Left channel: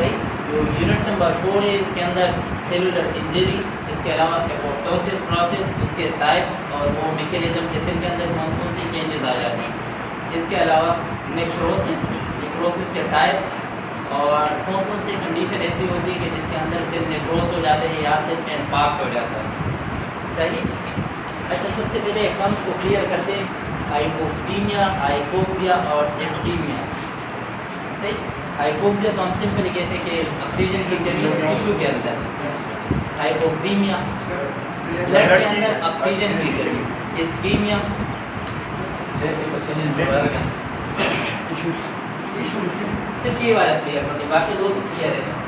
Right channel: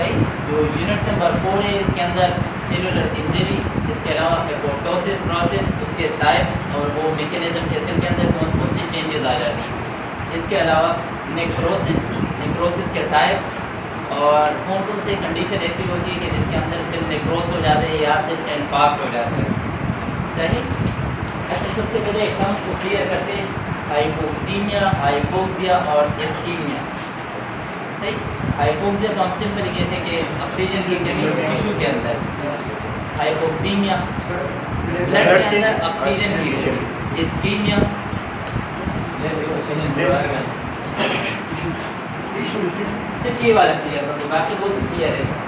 सही। जो unit number 4 है इसके अंदर सेलुलर इंजरी, इसके अलावा एपोप्टोसिस प्रोसेस, उसके टाइप्स और वो मैकेनिज्म के सेल के अंदर कौन कौन सी चेंजेस आ जाती हैं। इसके अलावा नेक्रोसिस के टाइप्स और कौन कौन सी कंडीशन ऐसी होती है कि जिसके अंदर सेल नेक्रोस हो जाते हैं या सेल इन्फार्क्ट हो जाते हैं। सही। अच्छा, सबसे पहले टर्म्स को क्लियर करते हैं, हाइपोक्सीमिया, हाइपोक्सिया और इस्कीमिया। सही। हाइपोक्सिया तो हम सिंपली कहते हैं कि ऑक्सीजन की कमी टिश्यू के अंदर, हाइपोक्सीमिया ब्लड के अंदर ऑक्सीजन की कमी, इस्कीमिया सिर्फ ये वाला क्लियर हो, बाकी दो तो क्लियर है।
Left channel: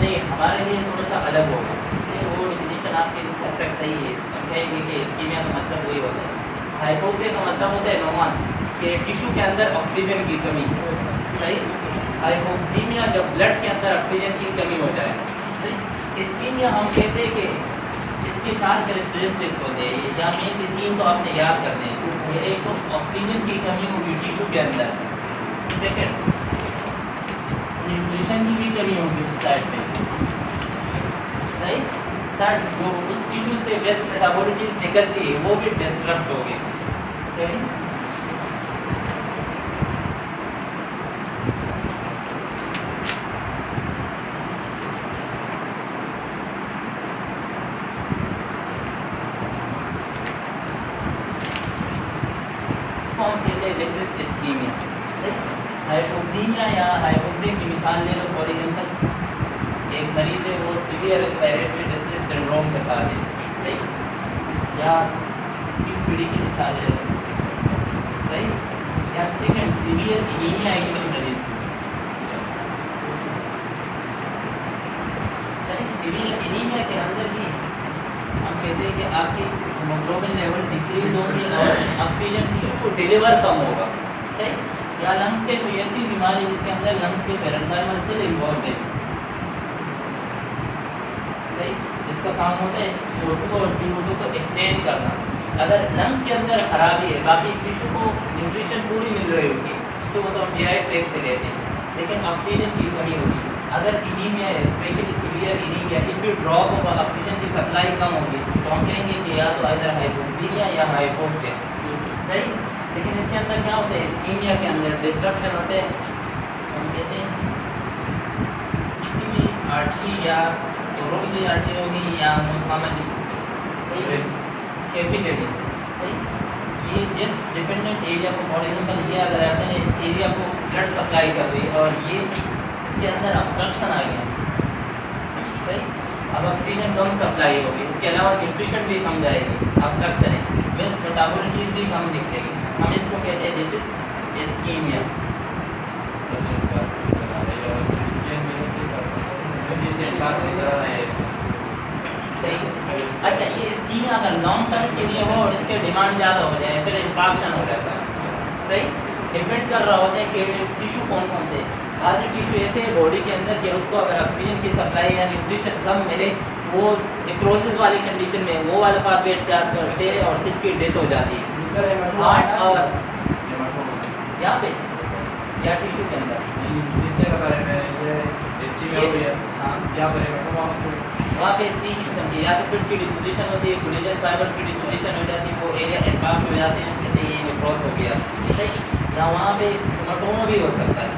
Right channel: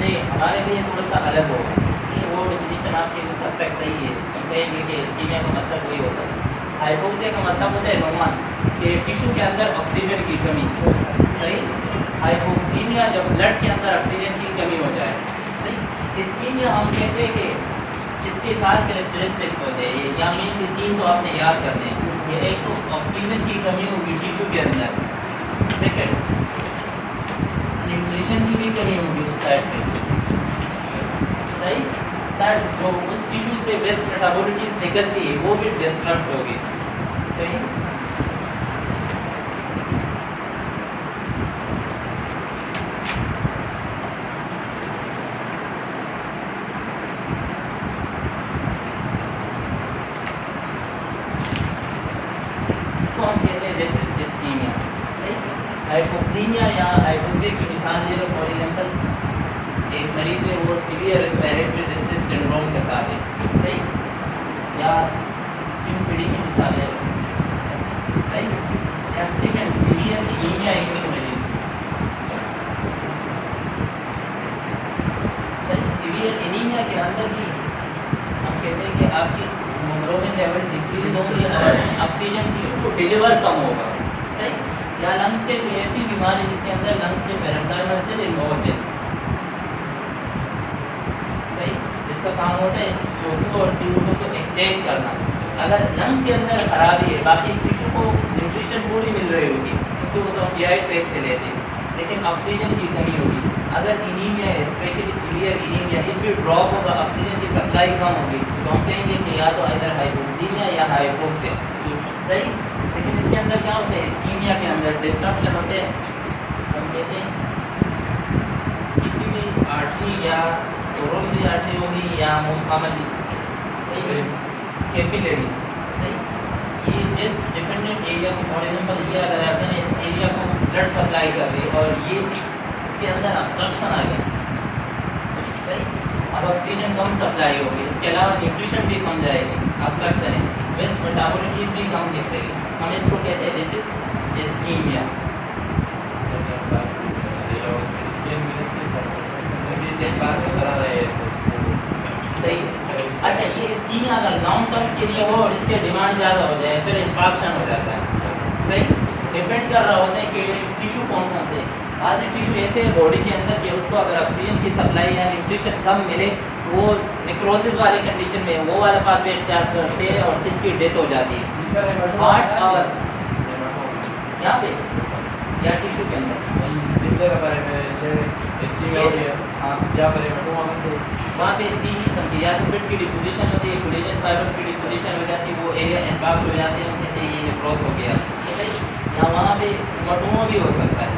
नहीं, हमारे लिए थोड़ा सा अलग होगा, वो डिफिनेशन आपकी उस हद तक सही है। हम कहेंगे कि इस्कीमिया का मतलब वही होता है। हाइपोक्सिया का मतलब होता है नोमान कि टिश्यू के अंदर ऑक्सीजन की कमी। सही। हाइपोक्सीमिया जब ब्लड के अंदर ऑक्सीजन की कमी हो जाए। सही। इस्कीमिया हम कहते हैं कि इसके 4 कैरेक्टरिस्टिक्स होते हैं, या मेन 3 तो आपने याद करने हैं। एक तो ऑक्सीजन की कमी होगी टिश्यू के अंदर, सेकेंड न्यूट्रिशन की भी कमी होगी उस साइड में। सही। थर्ड, जो उस टिश्यू से वेस्ट मेटाबॉलिटीज निकलती है वो भी डिस्टर्ब होगी। सही। इसको हम कहते हैं दिस इज इस्कीमिया। हाइपोक्सीमिया या हाइपोक्सिया की मिसाल ले लो, फॉर एग्जाम्पल एक मरीज़ है वो सीवियर रेस्पिरेटरी डिस्ट्रेस सिंड्रोम के साथ है। सही। या COPD की मिसाल है। सही। या सेकंड सीवियर एनीमिया है किसी मरीज़। सही। सीवियर एनीमिया के अंदर भी हम कहते हैं कि आपकी हीमोग्लोबिन लेवल डिक्रीज होगी और ऑक्सीजन टिश्यू को डिलीवर कम होगा। सही। या लंग्स के कोई ऐसी बीमारी जिसके अंदर लंग्स के पेरेंकाइमल सेल इन्वॉल्व है। सही। जिसका काम होता है CO2 और CO2 को एक्सचेंज करना। अगर लंग्स के अंदर खराबी है, बाकी टिश्यू को न्यूट्रिशन पूरी मिल रही होगी तो वो तो हम GI ट्रैक्ट से लेते हैं, लेकिन ऑक्सीजन की कमी होगी। अगर एनीमिया है, स्पेशली सीवियर एनीमिया, इन भी ड्रॉप होगा, ऑक्सीजन की सप्लाई कम होगी, तो हम कहेंगे कि या तो इधर हाइपोक्सीमिया या हाइपोक्सिया। सही। लेकिन इसके अंदर क्या होता है, इस्कीमिया के अंदर डिस्ट्रक्शन होते हैं। हम कहते हैं किसी भी आर्टरी या कोरोनरी आर्टरी होगी या मोस्ट कॉमनली कैपिलरीज। सही। ये जिस डिपेंडेंट एरिया को, फॉर एग्जांपल ये अगर आपने इस एरिया को ब्लड सप्लाई कर रही और ये इसके अंदर ऑब्स्ट्रक्शन आ गया। सही। अब ऑक्सीजन कम सप्लाई होगी, इसके अलावा न्यूट्रिशन भी कम जाएगी, ऑब्स्ट्रक्शन है, वेस्ट मेटाबॉलिटीज भी कम दिखेगी। हम इसको कहते हैं दिस इज इस्कीमिया। सही। अच्छा, ये इस्कीमिया अगर लॉन्ग टर्म के लिए हो और इसके डिमांड ज़्यादा हो जाए फिर इन्फेक्शन हो जाता है। सही। डिपेंड कर रहा होता है कि टिश्यू कौन कौन से। आज टिश्यू ऐसे है बॉडी के अंदर कि उसको अगर ऑक्सीजन की सप्लाई या न्यूट्रिशन कम मिले वो नेक्रोसिस वाले कंडीशन में वो वाला पाथवे स्टार्ट करते हैं और सिर्फ की डेथ हो जाती है। हार्ट और यहाँ पे या टिश्यू के अंदर वहाँ पे 3 किस्म की, या तो फिट की डिपोजिशन होती है, कोलेजन फाइबर्स की डिपोजिशन हो जाती है, वो एरिया इम्पैक्ट हो जाते हैं, जैसे ये नेक्रोस हो गया। सही। या वहाँ पे हेमाटोमा भी हो सकता है।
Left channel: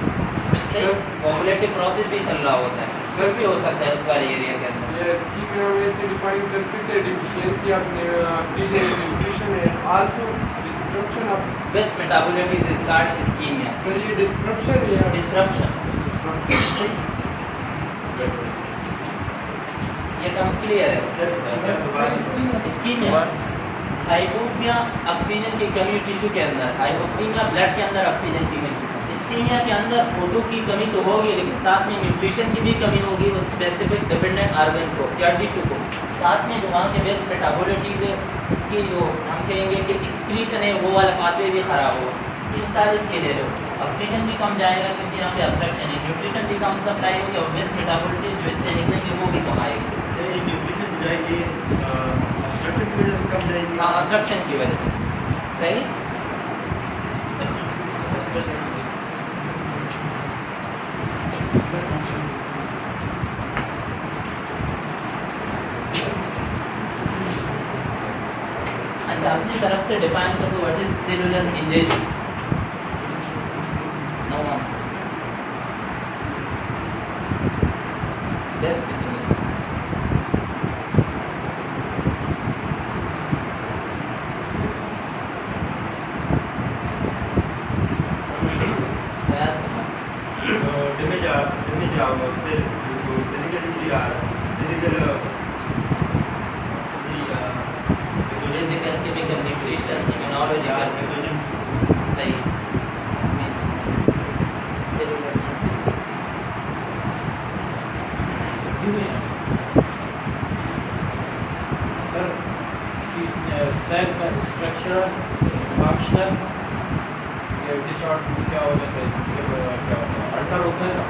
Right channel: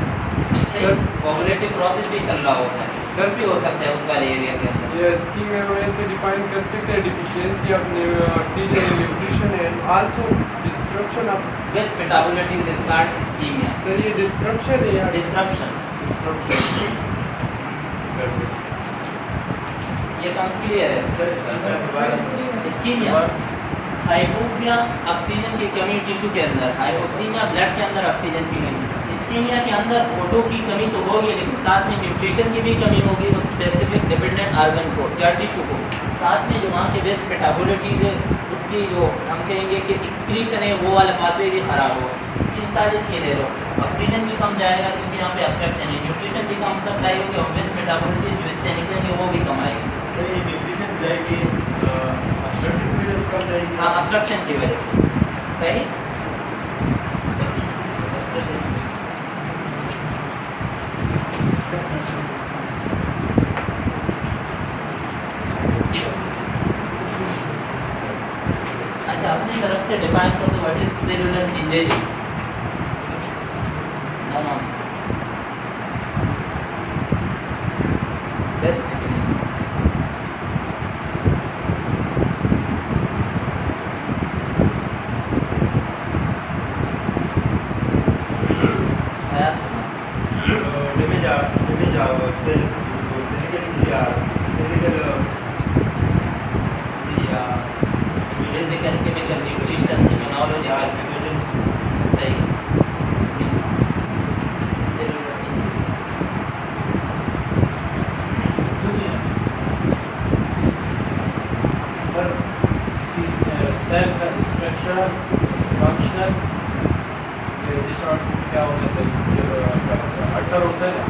सही। कोगुलेटिव प्रोसेस भी चल रहा होता है, फिर भी हो सकता है उस वाले एरिया के अंदर। ये स्कीम में ऐसे डिफाइन कर सकते हैं deficiency of oxygen nutrition and also destruction of waste metabolites start ischaemia. ये डिस्ट्रक्शन है या डिस्ट्रप्शन। ये टर्म्स क्लियर है। इस्कीमिया, हाइपोक्सिया ऑक्सीजन की कमी टिश्यू के अंदर, हाइपोक्सीमिया ब्लड के अंदर ऑक्सीजन की कमी, थैलेसीमिया के अंदर O2 की कमी तो होगी, लेकिन साथ में न्यूट्रिशन की भी कमी होगी उस स्पेसिफिक डिपेंडेंट ऑर्गन को या टिश्यू को। साथ में जो वहाँ के बेस्ट मेटाबॉलिटी है उसकी जो हम कहेंगे कि एक्सक्रीशन है वो वाला पाथवे भी ख़राब हो। इन सारी इसके ले लो, ऑक्सीजन भी कम जाएगा क्योंकि यहाँ पे ऑब्स्ट्रक्शन है, न्यूट्रिशन भी कम सप्लाई होगी और बेस्ट मेटाबॉलिटी जो इससे निकलेंगे वो भी कम आएगी। न्यूट्रिशन जाएगी ऑब्स्ट्रक्शन की वजह से कम जाएगी। हाँ, ऑब्स्ट्रक्शन की वजह से। सही। अच्छा, अपनी तरफ से डिफाइन कर दो what is cellular injury. No no, best definition। damage our cell due to clinical injury or physical physical chemical nutrition immunological. सही। सर सेल का स्ट्रक्चरल फंक्शनल डिसऑर्डर क्या होने चाहिए जब अल्टर होता है ना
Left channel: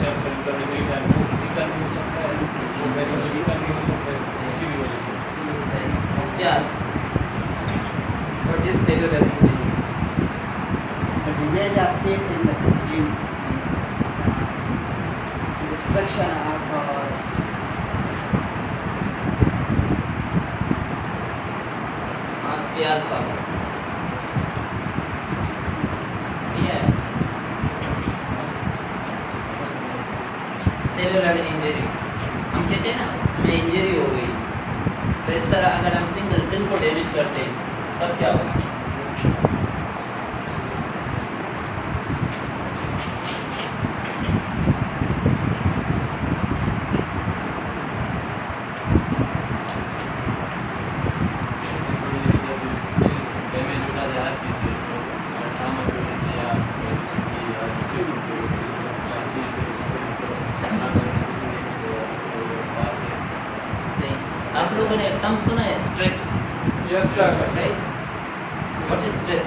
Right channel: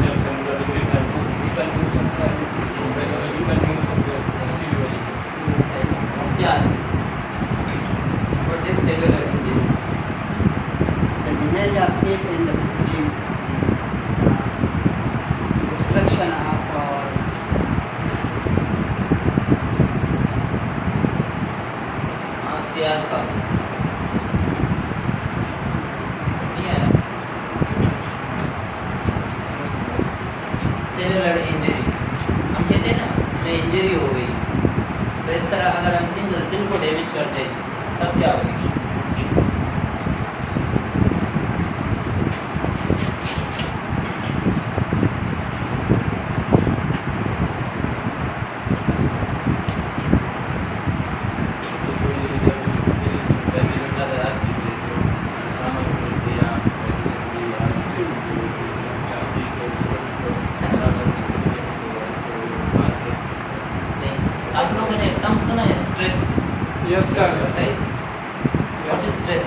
सेल का डिग्री में फिजिकल भी हो सकता है, मेडिकल भी हो सकता है, इसी की वजह से। क्या what is cellular injury? The damage of cell in the gene, destruction of हाँ, सियाल साहब सेलुलर इंजरी हम कहते हैं ना, हमें इंजरी हो गई, तो इस तरह अगर हम सिंगल सेल को डैमेज करते हैं तब क्या होगी? आप लोगों ने एकदम सुना है स्ट्रेस। Yes, sir. सही। What is stress?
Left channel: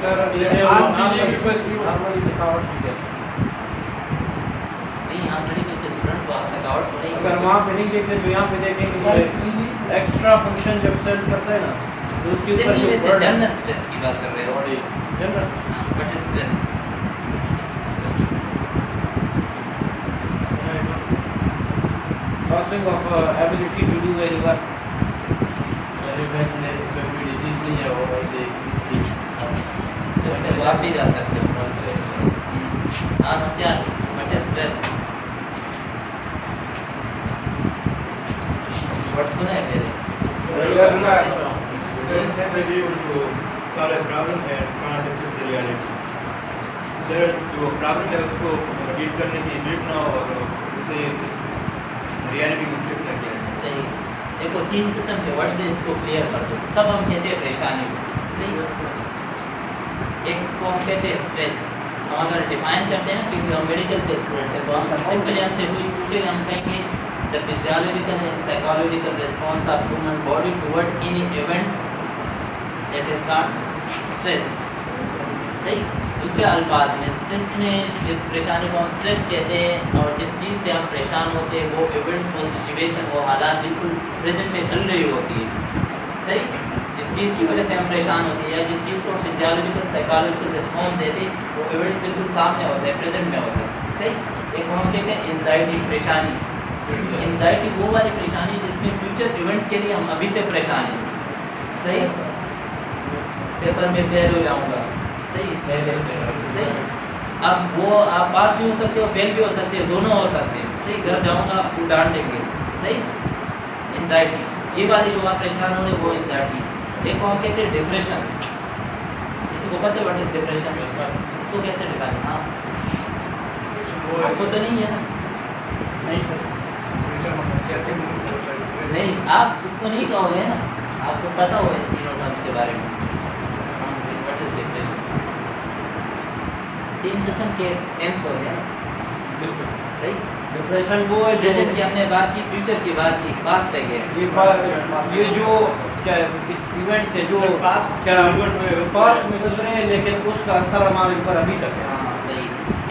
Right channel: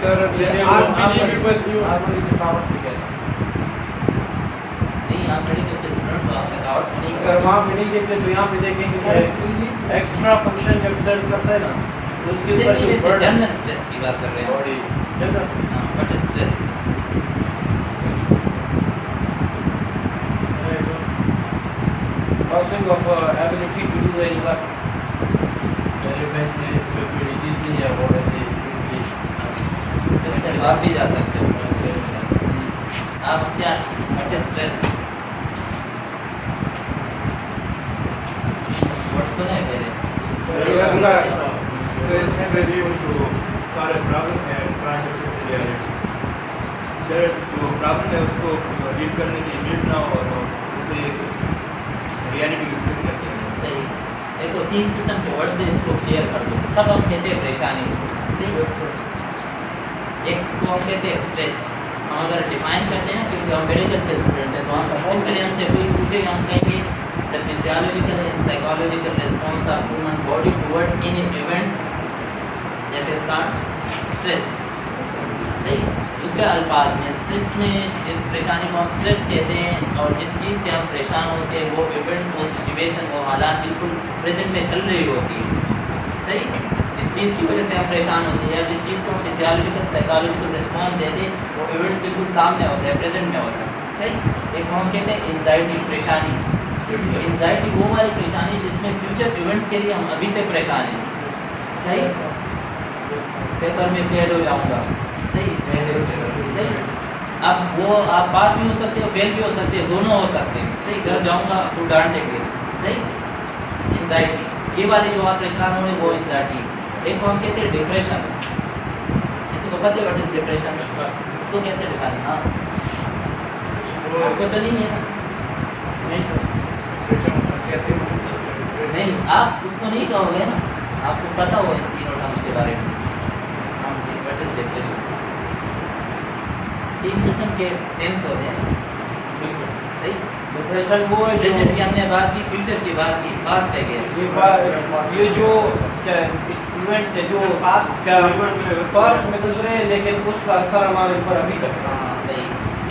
Sir, जैसे yes, वो unbelievable you. आर्मरी थकावट की कैसे? नहीं, हम मेडिकल के स्टूडेंट को आप थकावट नहीं अगर वहाँ पे नहीं देखते तो यहाँ पे देखेंगे एक्स्ट्रा फंक्शन जब सेल करता है ना तो उसके ऊपर जो बर्डन जनरल स्ट्रेस की बात कर रहे हैं। Body general what is stress? Losing of ability to do any work. इसके बाद भी जा सकते हो आप। क्या व्हाट इज स्ट्रेस? वर्ड सुने हैं मेरे? Yes, sir. Parents can be able to solve a problem and can't accept the reality. Sir जो प्रॉब्लम है उसको डील करने की एबिलिटी ना हो और उसे रियलिटी की एक्सेप्ट करते हैं। सही। देखो, 3 किस्म के वर्ड से इसको क्लियर कर दो। सब हम कहते हैं परेशानी। सही। एक को हम कहते हैं स्ट्रेस। हम अगर डिफाइन करते हैं ना, क्योंकि हम मेडिकल के स्टूडेंट हैं, तो हम सिंपली हमसे कोई पूछे हम कहेंगे the physiological and psychological response of human body toward any events that is called stress. सही। दूसरे अल्फाज में स्ट्रेस में जिस परेशानी को हम स्ट्रेस कहते हैं और जिस चीज़ से हम परेशान होते हैं वो इवेंट्स, वो सिचुएशन, वो हालात बिल्कुल प्रेजेंट में चल रही होती है। सही। जिस चीज़ की वजह से हम परेशान होते हैं या जिस चीज़ को हम फिजियोलॉजिकल साइकोलॉजिकल रिस्पॉन्स देते हैं वो इवेंट बिल्कुल सामने होता है, प्रेजेंट में होता है। सही। एक हम कहते हैं एंजाइटी, परेशानी। तो एंजाइटी वो वाली परेशानी जिसमें फ्यूचर इवेंट्स के लिए हम अभी से परेशान हैं। सही। पेपर में फेल हो जाऊँगा। सही। सही। अब वो आप पास भी हो सकते हो, फेल भी हो सकते हो, दोनों हो सकते हैं। सही। घर जाऊँगा आपको डांट देंगे। सही। एंजाइटी ये वाली जो आप परेशान होंगे वो एंजाइटी। एक को हम कहते हैं डिप्रेशन। किसी को पता है व्हाट इज डिप्रेशन? उसको कैसे डिफाइन? हाँ, आपको तो नहीं है ना? नहीं सर, नहीं, आप उसको नहीं कहोगे ना, आपको पता होगा इन तीनों टर्म्स के बारे में। What is depression? तीन किस्म के टेंस होते हैं, बिल्कुल सही। डिप्रेशन वो है प्रेजेंट की हमने बात की, फ्यूचर की बात की, पास्ट है क्या? ये जो क्या इवेंट्स है जो पास्ट क्या इवेंट में पास्ट में गुजरे हैं लेकिन उसका असर हमारे ऊपर अभी तक है। हाँ सही।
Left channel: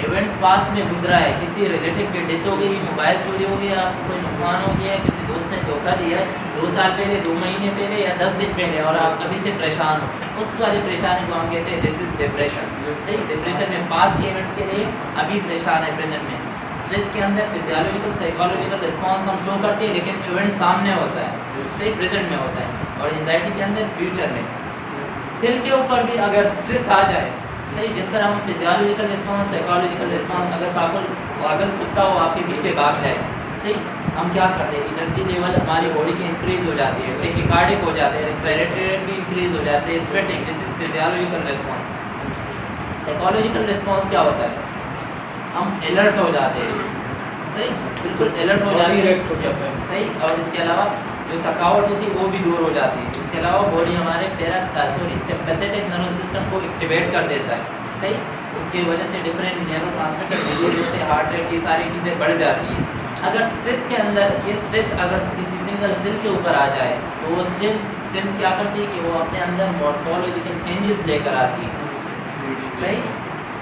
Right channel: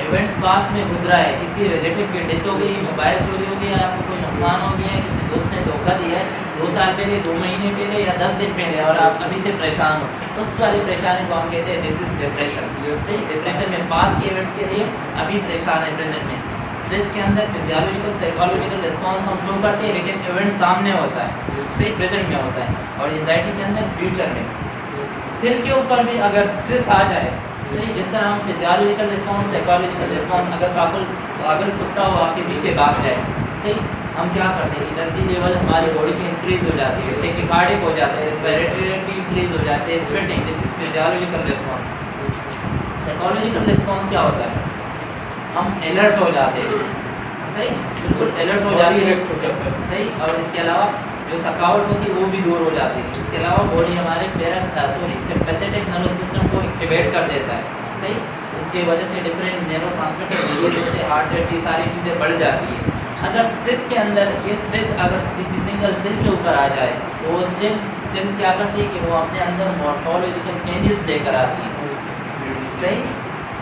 इवेंट्स पास्ट में गुजरा है, किसी रिलेटिव की डेथ हो गई, मोबाइल चोरी हो गया, आपको कोई नुकसान हो गया है, किसी दोस्त ने धोखा दिया है 2 साल पहले, 2 महीने पहले या 10 दिन पहले, और आप अभी से परेशान हो, उस वाली परेशानी को हम कहते हैं दिस इज डिप्रेशन। सही। डिप्रेशन में पास्ट के इवेंट्स के लिए अभी परेशान है प्रेजेंट में। स्ट्रेस के अंदर फिजियोलॉजिकल साइकोलॉजिकल रिस्पॉन्स हम शो करते हैं लेकिन इवेंट सामने होता है, सही, प्रेजेंट में होता है। और एंजाइटी के अंदर फ्यूचर में। सेल के ऊपर भी अगर स्ट्रेस आ जाए, सही, जिस तरह हम फिजियोलॉजिकल रिस्पॉन्स, साइकोलॉजिकल रिस्पॉन्स, अगर कुत्ता हो आपके पीछे भाग जाए, सही, हम क्या करते हैं, एनर्जी लेवल हमारी बॉडी की इंक्रीज हो जाती है, टेकिकार्डिक हो जाते हैं, रेस्पिरेटरी रेट भी इंक्रीज हो जाते हैं, sweating, this is physiological response. Psychological response क्या होता है, हम अलर्ट हो जाते हैं, सही, बिल्कुल अलर्ट हो जाते हैं, सही। और इसके अलावा जो थकावट होती है वो भी दूर हो जाती है। इसके अलावा बॉडी हमारे सिंपैथेटिक नर्वस सिस्टम को एक्टिवेट कर देता है, सही। उसकी वजह से डिफरेंट न्यूरोट्रांसमीटर रिलीज होते हैं, हार्ट रेट, ये सारी चीज़ें बढ़ जाती है। अगर स्ट्रेस के अंदर ये स्ट्रेस अगर किसी सिंगल सेल के ऊपर आ जाए तो वो सेल्स क्या करती है कि वो अपने अंदर मॉर्फोलॉजिकल चेंजेस लेकर आती है, सही।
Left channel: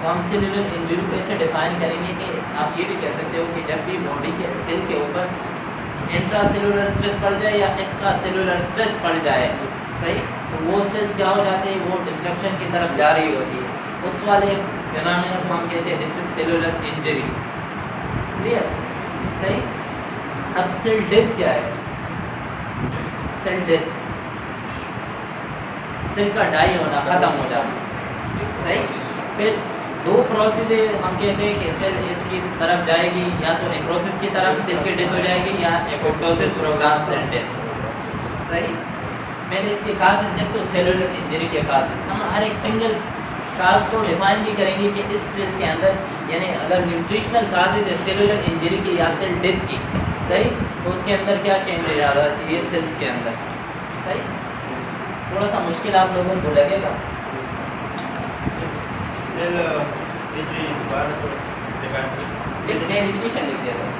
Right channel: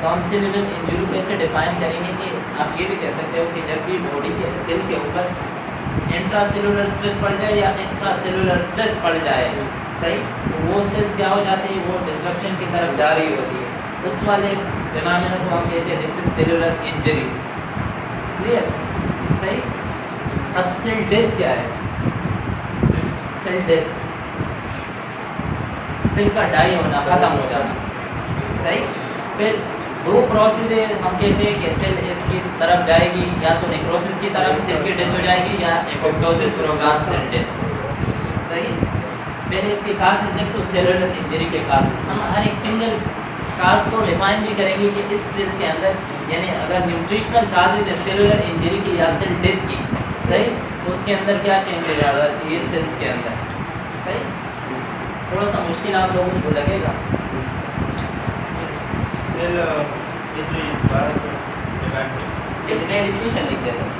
तो हम सेलुलर इंजरी को ऐसे डिफाइन करेंगे कि आप ये भी कह सकते हो कि जब भी बॉडी के सेल के ऊपर इंट्रा सेलुलर स्ट्रेस पड़ जाए या एक्स्ट्रा सेलुलर स्ट्रेस पड़ जाए, सही, तो वो सेल्स क्या हो जाते हैं, वो डिस्ट्रक्शन की तरफ जा रही होती है। उस वाले फिनोमेना को हम कहते हैं this is cellular injury. Clear, सही। अब सेल डेथ क्या है, सेल डेथ, सेल का डाई होना, खत्म हो जाना, सही। फिर 2 प्रोसेस हम कहते हैं कि सेल इसकी तरफ जाएगी, या तो नेक्रोसिस की तरफ सेल की डेथ हो जाएगी या एपोप्टोसिस प्रोग्राम सेल डेथ, सही। पहले इसके कासेस देखो, सेलुलर इंजरी के कासेस, हम हर एक सिंगल काज को डिफाइन भी करेंगे कि इस सेल के अंदर, यानी अगर न्यूट्रिशनल काजेज है सेलुलर इंजरी की या सेल डेथ की, सही, तो उसके अंदर क्या चेंज हो जाता है ये सेल्स के अंदर, सही। थोड़ा सा मुश्किल आप लोगों को लगेगा। सेल इंजरी भारत डिपेंड कितने डिफिनेशन लिख देते हैं?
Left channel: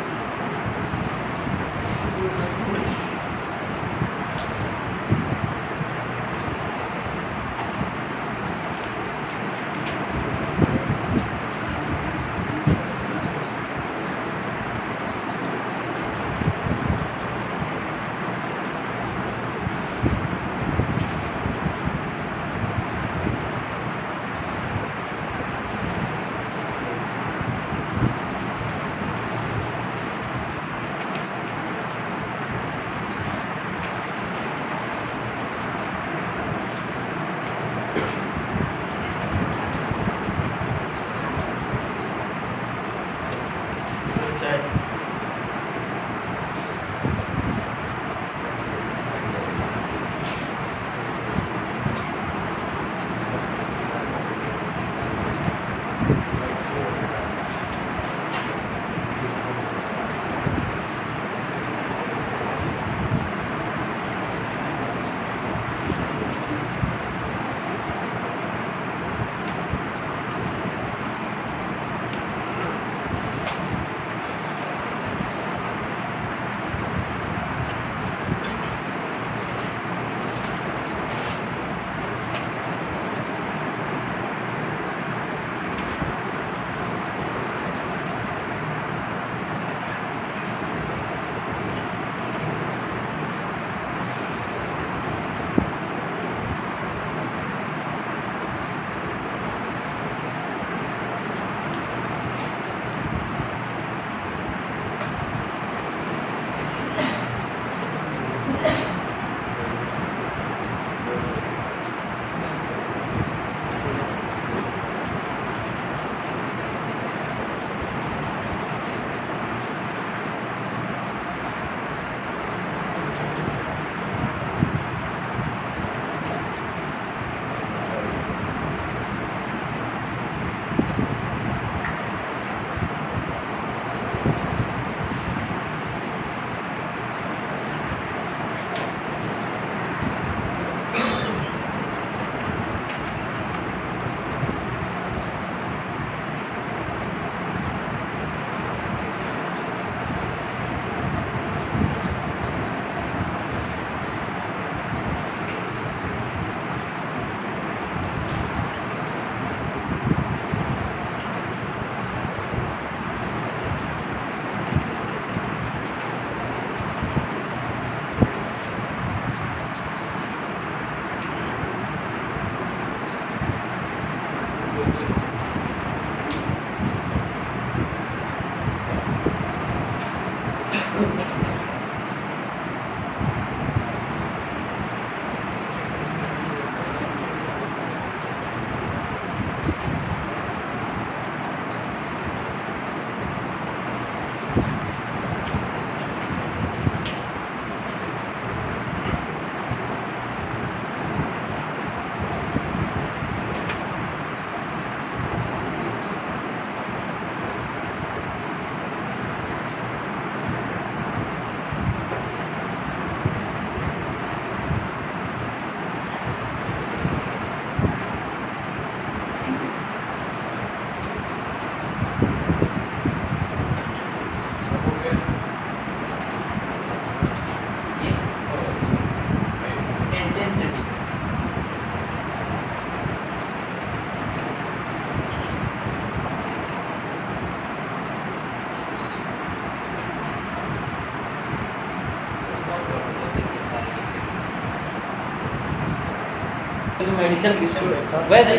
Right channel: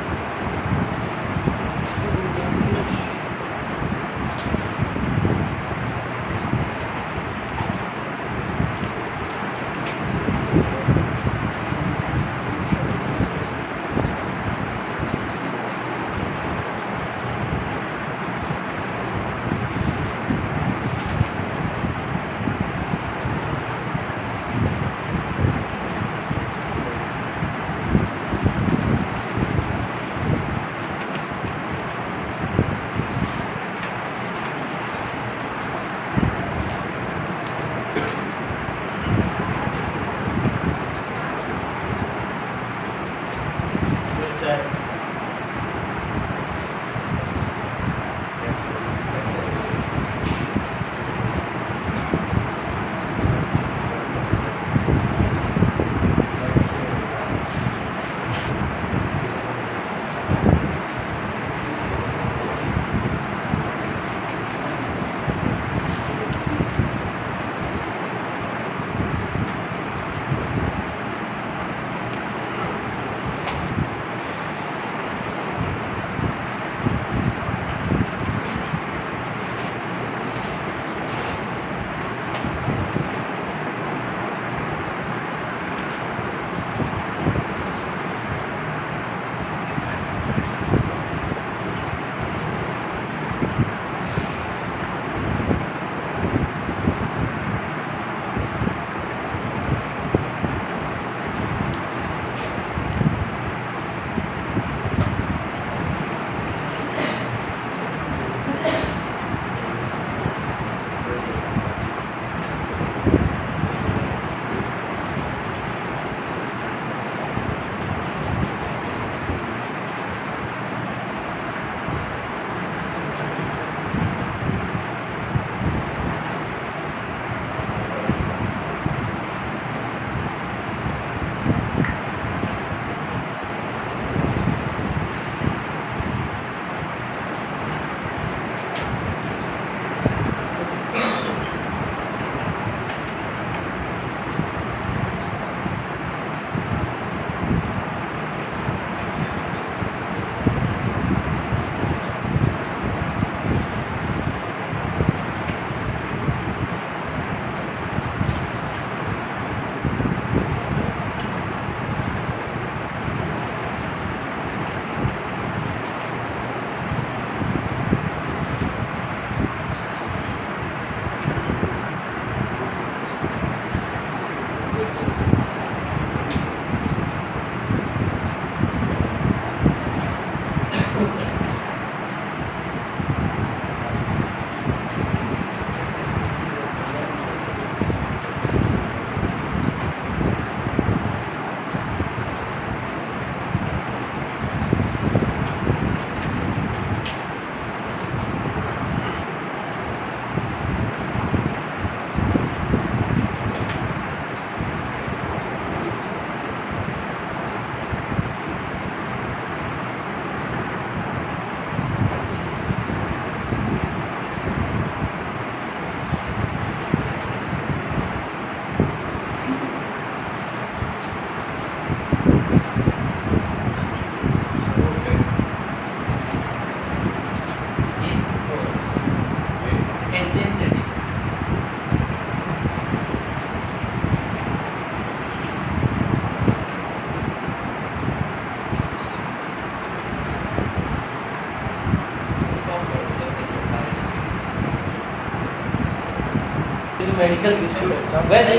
इंटेंसिटी मेडिकल वैसे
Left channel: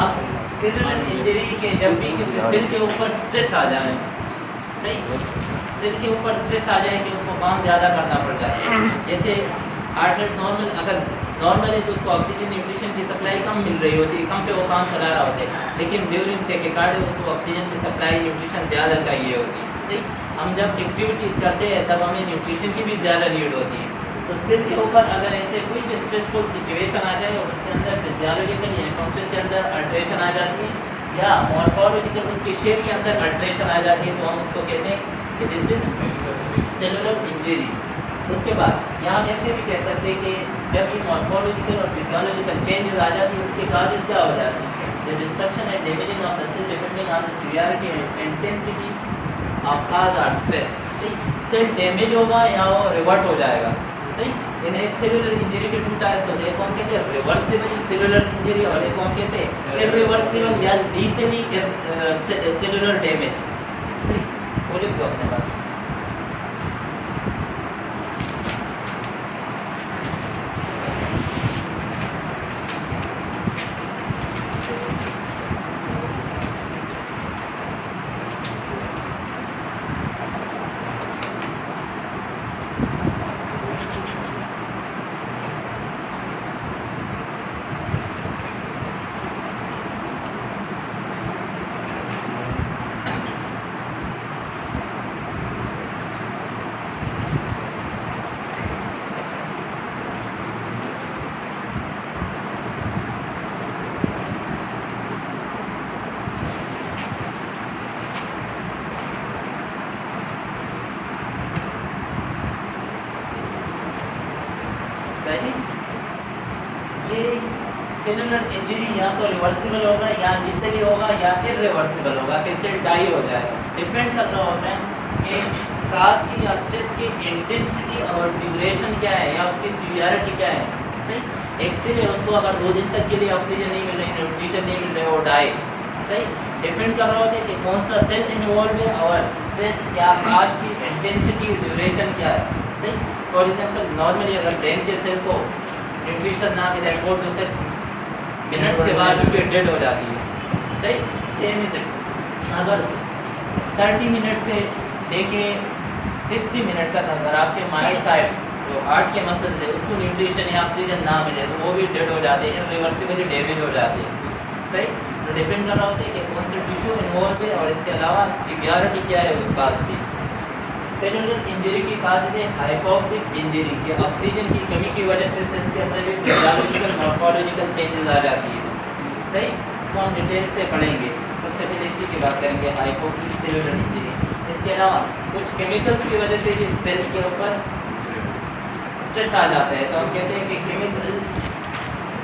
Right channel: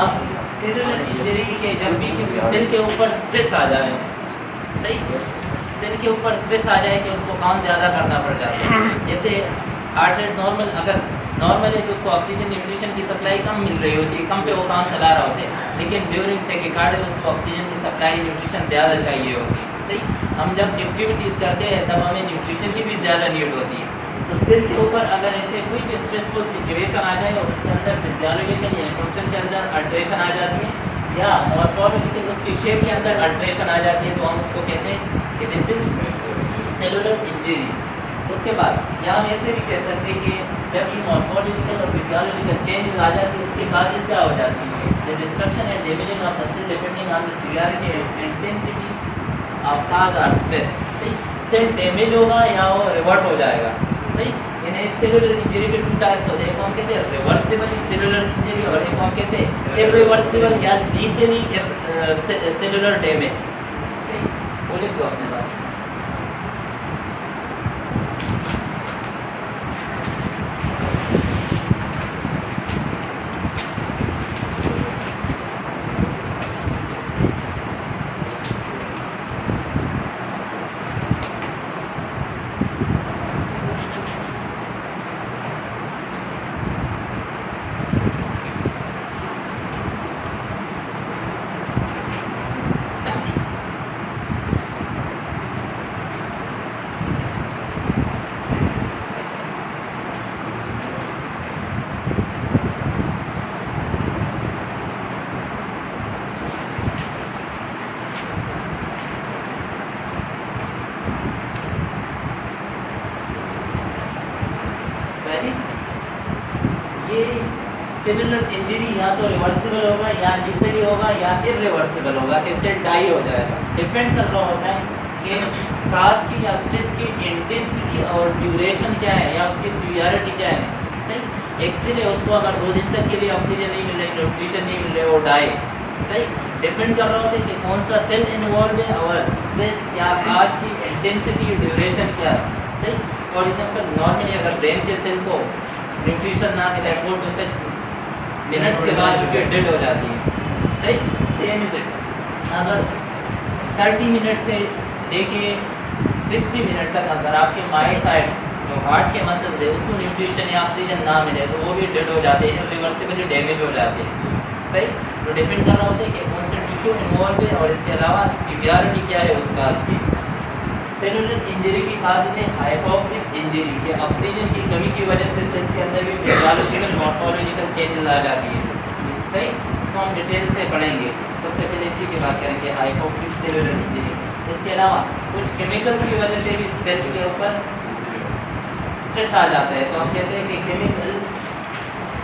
आप सेलुलर इंजरी के जब भी किसी सेल के ऊपर स्ट्रेस आ जाए, सही सेल के ऊपर स्ट्रेस आ जाए कि उसको काम ज़्यादा करना पड़ जाता है। जैसे हार्ट रेट नॉर्मल, अगर नॉर्मल है तो उसको ऑक्सीजन न्यूट्रिशन की सप्लाई कम मिल रही होती है, कम पे वो काम चला रहा होता है, लेकिन ड्यूरिंग टेकिकार्डिया उसको ऑक्सीजन की सप्लाई न्यूट्रिशन ज़्यादा चाहिए होती है। सही, हम जब एक्टिविटीज़ करते हैं तब हमें न्यूट्रिशन की भी ज़्यादा नीड होती है। तो सेल के ऊपर अगर ऐसे कोई भी स्ट्रेसफुल सिचुएशन आ जाए और उसके अंदर फिजियोलॉजिकल या फंक्शन के अंदर अल्ट्रेशन आ जाती है या मॉर्फोलॉजिकल उसकी शेप के अंदर अल्ट्रेशन आ जाती है, तो हम उसको कहते हैं कि दिस इज सेलुलर इंजरी। उसके बाद यहाँ हम ऐसे भी कह सकते हैं कि जब ये मॉर्फोलॉजिकल और फिजियोलॉजिकल चेंजेस आ जाती है उसके काजेस क्या हो जाती है, the destruction and damaging of the cell depending on the severity and intensity of cause or stress. Cell damage होगा या वो रिवर्ट हो जाएगा। सही, इन सेलुलर इंजरी के टू टाइप्स होते हैं, कौन कहते हैं रिवर्सिबल सेलुलर इंजरी और एक कौन कहते हैं इरिवर्सिबल या लीथली सेलुलर डैमेज। सही, बोलिए तो अपने पास ये सेलुलर इंजरी या तो रिवर्सिबल होगा या लीथली होगा या इरिवर्सिबल होगा, कि सेल डाई हो जाएगा। डिपेंड कर रहा होता है कि काज की या स्ट्रेस की इंटेंसिटी और ड्यूरेशन क्या है या उसकी सीवियरिटी क्या है। सही, एक सेल है उसको अगर 2 दिन तक के लिए ऑक्सीजन नहीं मिल रही, न्यूट्रिशन नहीं मिल रही, वो डाई। सही, डिपेंड कर रहा होता है कि कौन सा सेल इन्वॉल्व है और स्ट्रेस या काज की इंटेंसिटी ड्यूरेशन क्या है। सही, फॉर एग्जाम्पल नॉर्मली अगर ब्रेन के सेल को न्यूट्रिशन ना मिले 4 to 6 मिनट्स के बाद उसकी डेड हो जाती है। सही, सेम इज इट अगर 30 मिनट से लेके 60 मिनट तक अगर आपके माइंड साइड जो हार्ट के मसल्स है उसको न्यूट्रिशन या ऑक्सीजन ना मिले तो वो भी डेड हो जाते हैं, इरिवर्सिबली डैमेज हो जाते हैं। सही, तो डिपेंड करना होता है कि कौन सा टिश्यू इन्वॉल्व है और इसके अलावा सीवियरिटी क्या है उस काज की। सेलुलर इंजरी की काज है हाइपोक्सिक इंजरी, कि ऑक्सीजन की कमी की वजह से सेल्स के अंदर भी फिजियोलॉजिकल मॉर्फोलॉजिकल चेंजेस आ जाती है। सही, इसको हम डिटेल से पढ़ेंगे। सबसे पहले इसी की बात करेंगे हाइपोक्सिक सेलुलर इंजरी। इसके अलावा कुछ केमिकल्स की वजह से भी सेल के ऊपर स्ट्रेस आ जाता है, तो हम कहते हैं कि केमिकल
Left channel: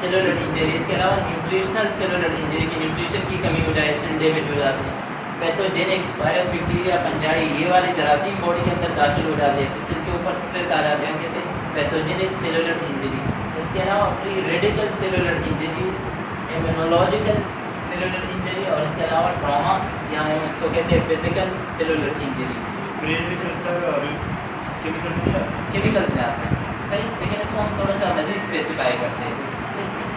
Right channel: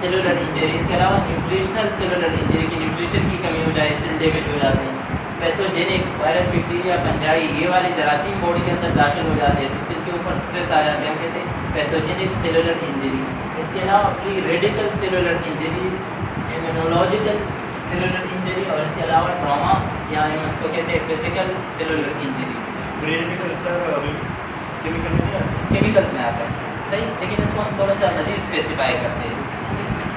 सेलुलर इंजरी। इसके अलावा न्यूट्रिशनल सेलुलर इंजरी की न्यूट्रिशन की कमी हो जाए सेल डैमेज हो जाते हैं। पैथोजेनिक वायरस बैक्टीरिया फंजाई ये वाले जरासीम बॉडी के अंदर दाखिल हो जाते हैं तो सेल के ऊपर स्ट्रेस आ जाते हैं, हम कहते हैं पैथोजेनिक सेलुलर इंजरी। इसके अलावा pre radical cellular injury, immunological cellular injury और इसके अलावा ट्रॉमा या हम इसको कहते हैं फिजिकल सेलुलर इंजरी। केमिकल्स में आता है। सही, लेकिन इसको हम थोड़ा सा मज़ीद स्पेसिफाई करते हैं।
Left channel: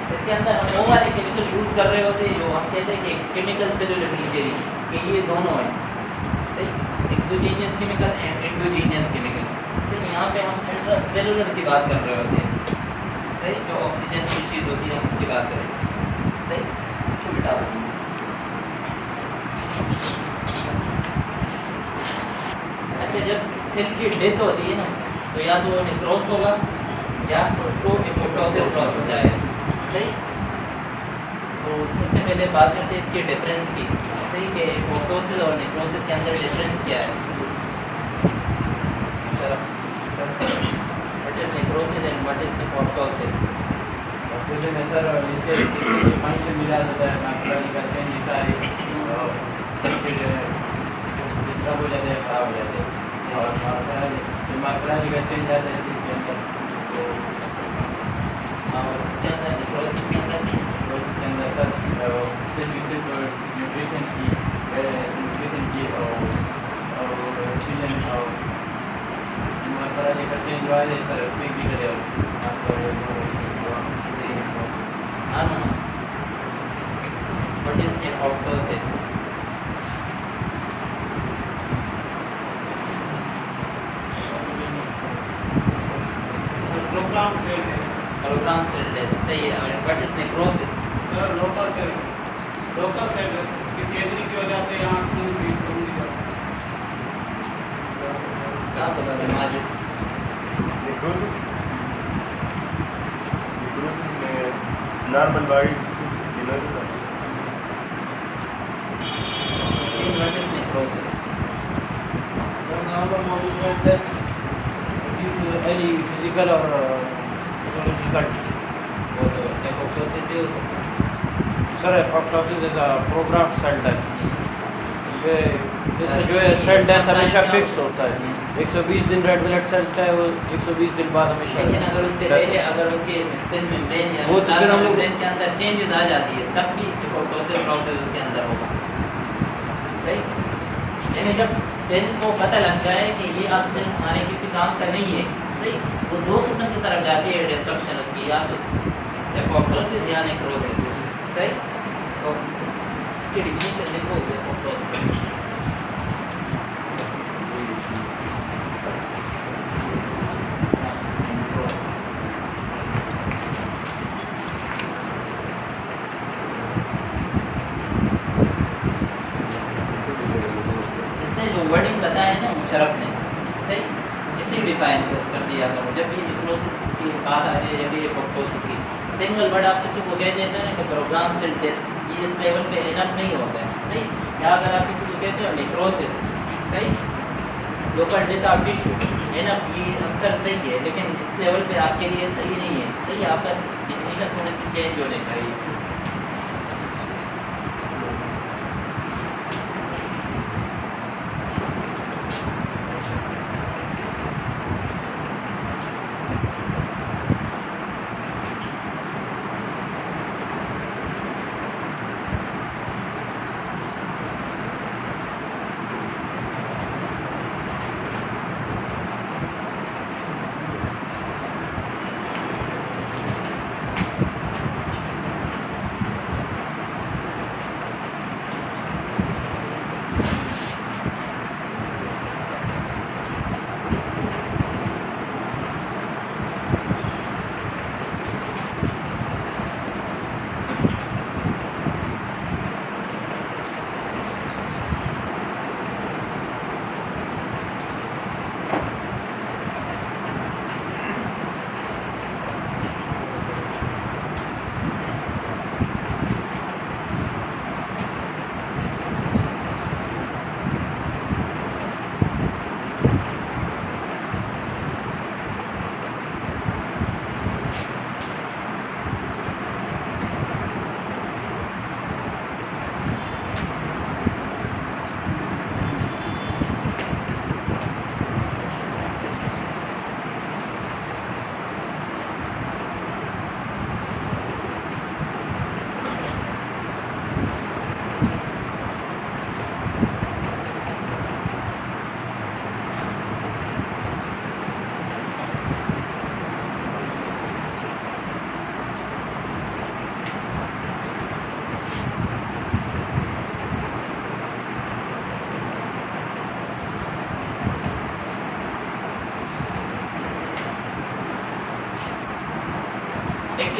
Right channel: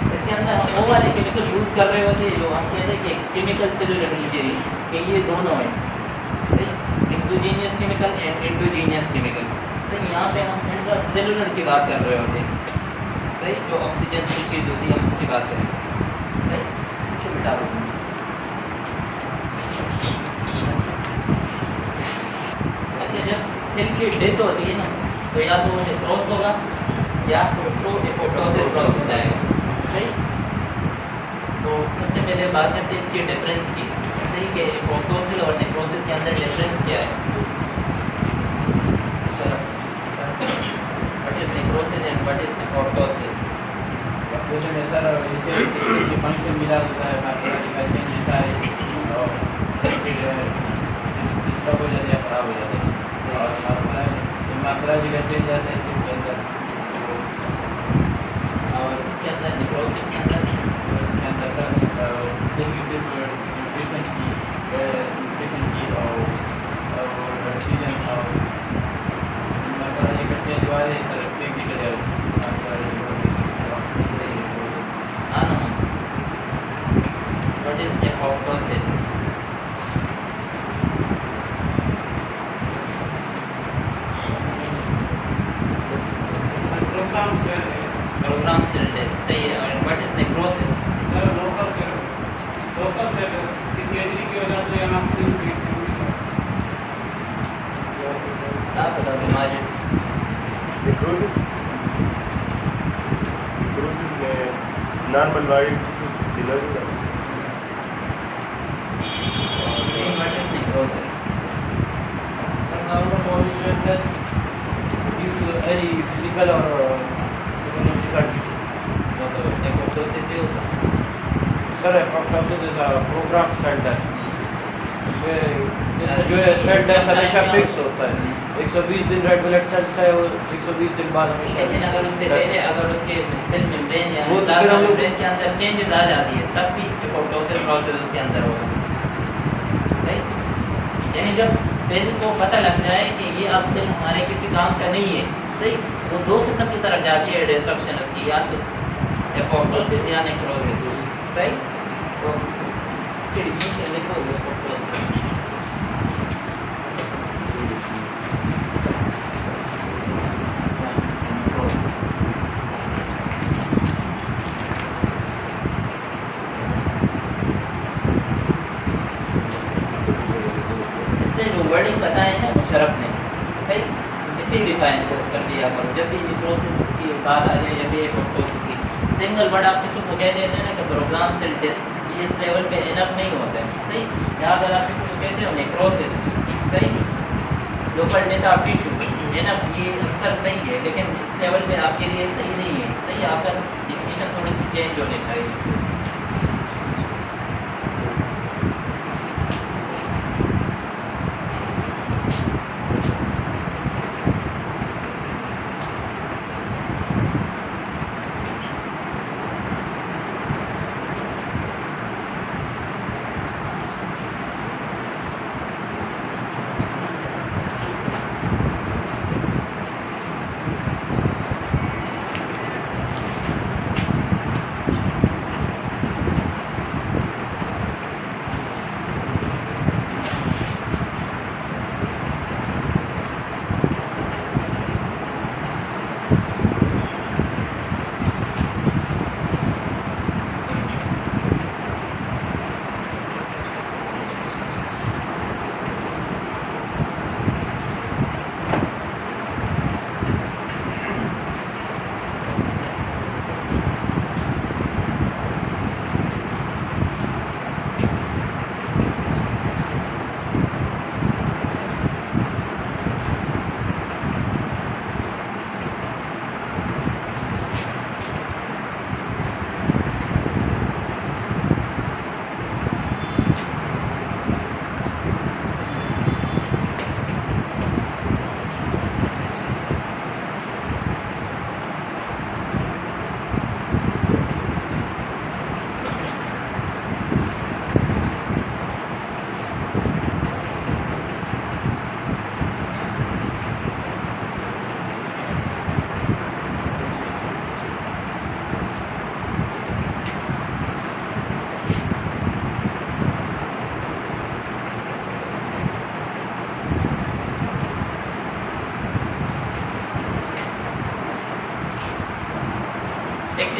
इसके अंदर हम वो वाले केमिकल यूज़ कर रहे होते हैं जो हम कहते हैं कि केमिकल सेलुलर इंजरी के लिए दोनों है। सही, exogenous chemical and endogenous chemical. Sir यहाँ पे हम इंट्रासेलुलर की बात कर रहे होते हैं, सही, जो ऑक्सीजन की चीज़ होती है हम उसकी बात करें, सही। तो बिटा अच्छा, जब सेल की डेथ होती है ना तो या तो वो नेक्रोस होगा या तो एपोप्टोसिस हो जाएगा, सही। तो सबसे पहले बात करते हैं इसके डिफरेंस की, सही, कि एपोप्टोसिस और नेक्रोसिस के अंदर डिफरेंस क्या है। What is necrosis and what is apoptosis? जैसे में सर जैसे फंक्शन मिला होता है मैथमेटिकल चेंज सारे डिस्टर्ब हो जाते हैं, खराब हो जाते हैं और मैथमेटिकल चेंज जाते हैं इसके अंदर। और इसके अंदर नेक्रोसिस के अंदर न्यूट्रिशन की और ऑक्सीजन मैथमेटिकल चेंज जो है sir technical what is apoptosis? Programme cell death, सही है। और what is necrosis? Sir local cell किसी एजरी की वजह से यहाँ क्या पता तुम्हारे नेक्रोसिस में नॉर्मल बॉडी टिश्यू डिनर हो जाता what is necrosis? normal body fat death due to any physical or psychological. वो तो एपोप्टोसिस भी हो सकता है। Sir apoptosis is a programme cell death. इसमें जो है सेल डेथ हमेशा फिक्स होता है, 120 दिन रेड ब्लड सेल्स का है वो 120 दिन बाद हमेशा। लेकिन अगर उससे पहले अगर उसके सेल मेम्ब्रेन या वो तो फिर हम लोग- मेम्ब्रेन के अंदर चेंजेस आ जाती है तब भी एपोप्टोसिस प्रोसेस उसके अंदर होगा, सही। यानी जब सेल को पता लग जाए कि ये अब सेल हमारे किसी काम का नहीं है, सही, वो दो किस्म की तरफ जाती है डिस्ट्रक्शन उसकी, या तो एपोप्टोसिस या नेक्रोसिस, सही। तो इसकी डिफिनेशन लिखोगे एपोप्टोसिस। इसने जो वर्डिंग बताया है ना मुशर्रफ ने, सही, इसी डिफाइन को कर दिया करो जब भी प्रोसेस की बात आ जाए, जब भी एपोप्टोसिस की सिंगल वर्ड आप किसी को कह देते हैं ना तो प्रोग्राम सेल डेथ, ये इस लेवल पे इनफ नहीं होता है, सही। या अगर आप किसी को कहते हो नेक्रोसिस, सही, local death of tissue, enough, ये अक्सर सही है, लेकिन इस लेवल पे आपके लिए सही नहीं है, सही। आपका डिफिनेशन थोड़ी सी चेंज होने चाहिए।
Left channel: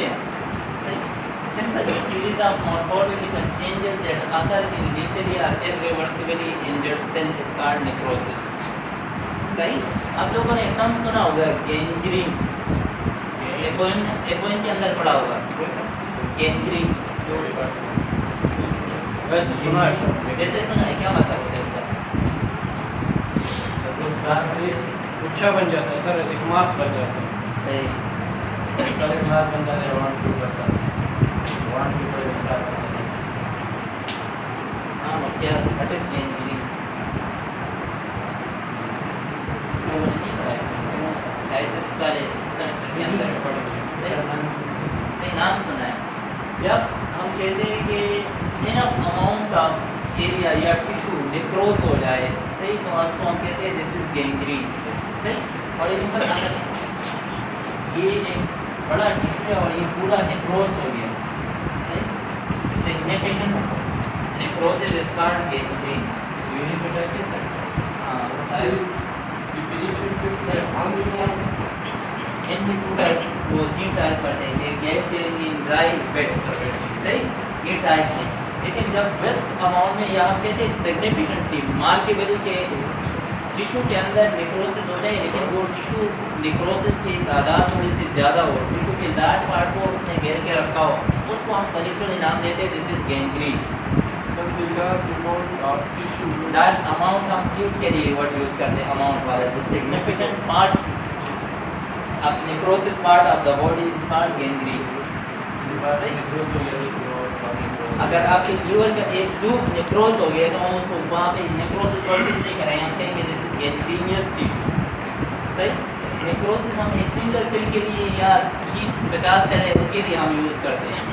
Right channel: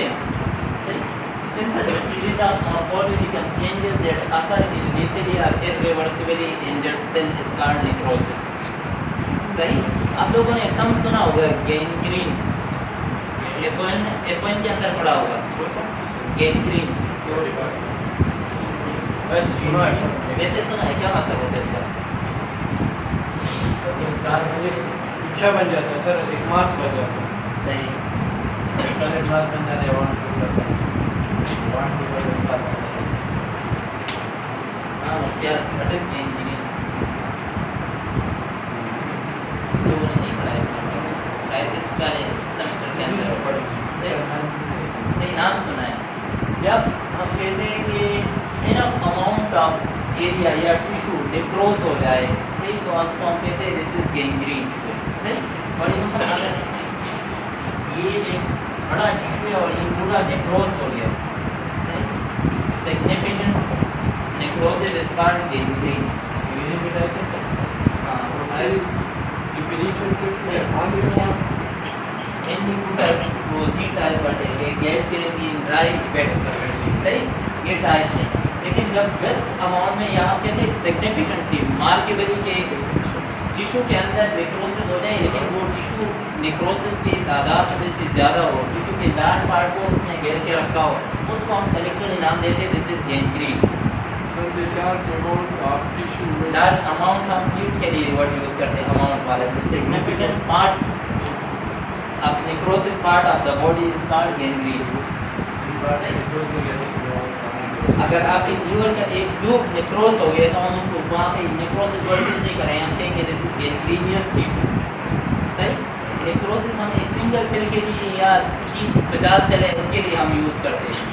हैं simple series of morphological changes that occur in lethally or irreversibly injured cell is called necrosis. सही। आप लोगों ने टर्म सुना होगा गैंग्रीन, F1 के अंदर पढ़ा होगा गैंग्रीन, वैसे सुना है, वैसे सुना है, क्या मतलब होता है इसका? गुच्छा बन जाता है सर, एक मास बन जाता है। सही, एक मास बन जाता है, राउंड टू करता है, राउंड टू करता है। हाँ, क्या व्हाट इज गैंग्रीन? स्कूल में नहीं पढ़ा है, शायद इस वाले सेमेस्टर के अंदर सही नाम सुना है। जब हम कहते हैं कि इनफ अमाउंट ऑफ एरिया या टिश्यू नेक्रोस हो जाए, सही, तो उसको हम कहते हैं दिस इज गैंग्रीन। सही, और ये एक बड़ा टिश्यू है और ये पूरा नेक्रोस हो गया। सही, significant necrosis is called gangrene. ये बेटा के हाँ, definition के हाँ इनमें टू टाइप प्रोटीन टाइप पड़ते हैं, गैस फिलिंग ड्राई वेट। सही, ये टाइप है। लेकिन जब बेस्ट अमाउंट में यहाँ कहते हैं सिग्निफिकेंट की मार्केबली के टिश्यू के अंदर नेक्रोसिस हो जाए, लेकिन वो टिश्यू नेक्रोसिस की तादाद में से ज़्यादा हो, टिश्यू के लार्ज पार्ट को उसने घेर के रखा हो, उसको हम कलेक्टिवली नाम देते हैं this is gangrene. Large amount हम फ्लूइड के लिए वर्ड यूज़ करते हैं, अमाउंट वाले। Significant part of necrosis part of the body is called gangrene. अगर आपके लीवर का एक ट्यूब नेक्रोस हो गया तो हम उसको वहाँ पे नेक्रोसिस वर्ड नहीं कर रहे हैं, हम कहेंगे दिस इज गैंग्रीनियस टिश्यू। सही, नेक्रोसिस हम एक सिंगल सेल के लिए या 30-50 सेल है उसके लिए हम यूज़ करते हैं।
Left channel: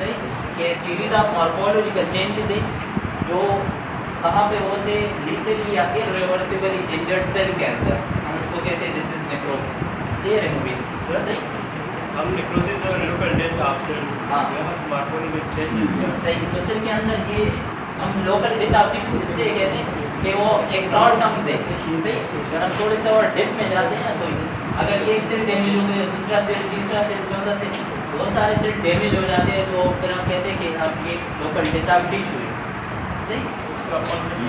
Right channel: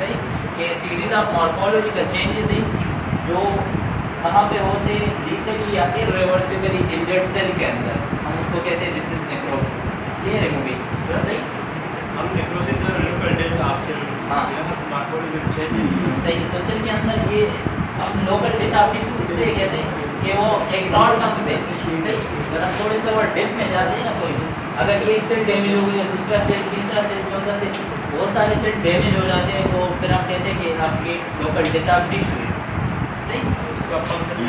सही, कि सीरीज ऑफ मॉर्फोलॉजिकल चेंजेस है जो कहाँ पे होते हैं, लीथली या इर्रिवर्सिबली इंजर्ड सेल के अंदर, हम उसको कहते हैं दिस इज नेक्रोसिस। ये रिमूविंग सही, हम नेक्रोसिस और लोकल डेथ आपसे हाँ। यहाँ मॉर्फोलॉजिकल चेंजेस सही। तो सेल के अंदर ये हम लोकल डेथ ऑफ टिश्यू इसलिए कहते हैं कि वो एक ब्रॉड टर्म से सही, अगर हम थोड़े से और डेप्थ में जाते हैं तो अगर ये सेल डैमेज हो गया, दूसरा सेल, तीसरा सेल, चौथा सेल, बहुत सारे सेल डैमेज हो जाते हैं, तो फिर हम कहते हैं कि आप ये लोकल डेथ ऑफ टिश्यू है। सही, उसका फंक्शन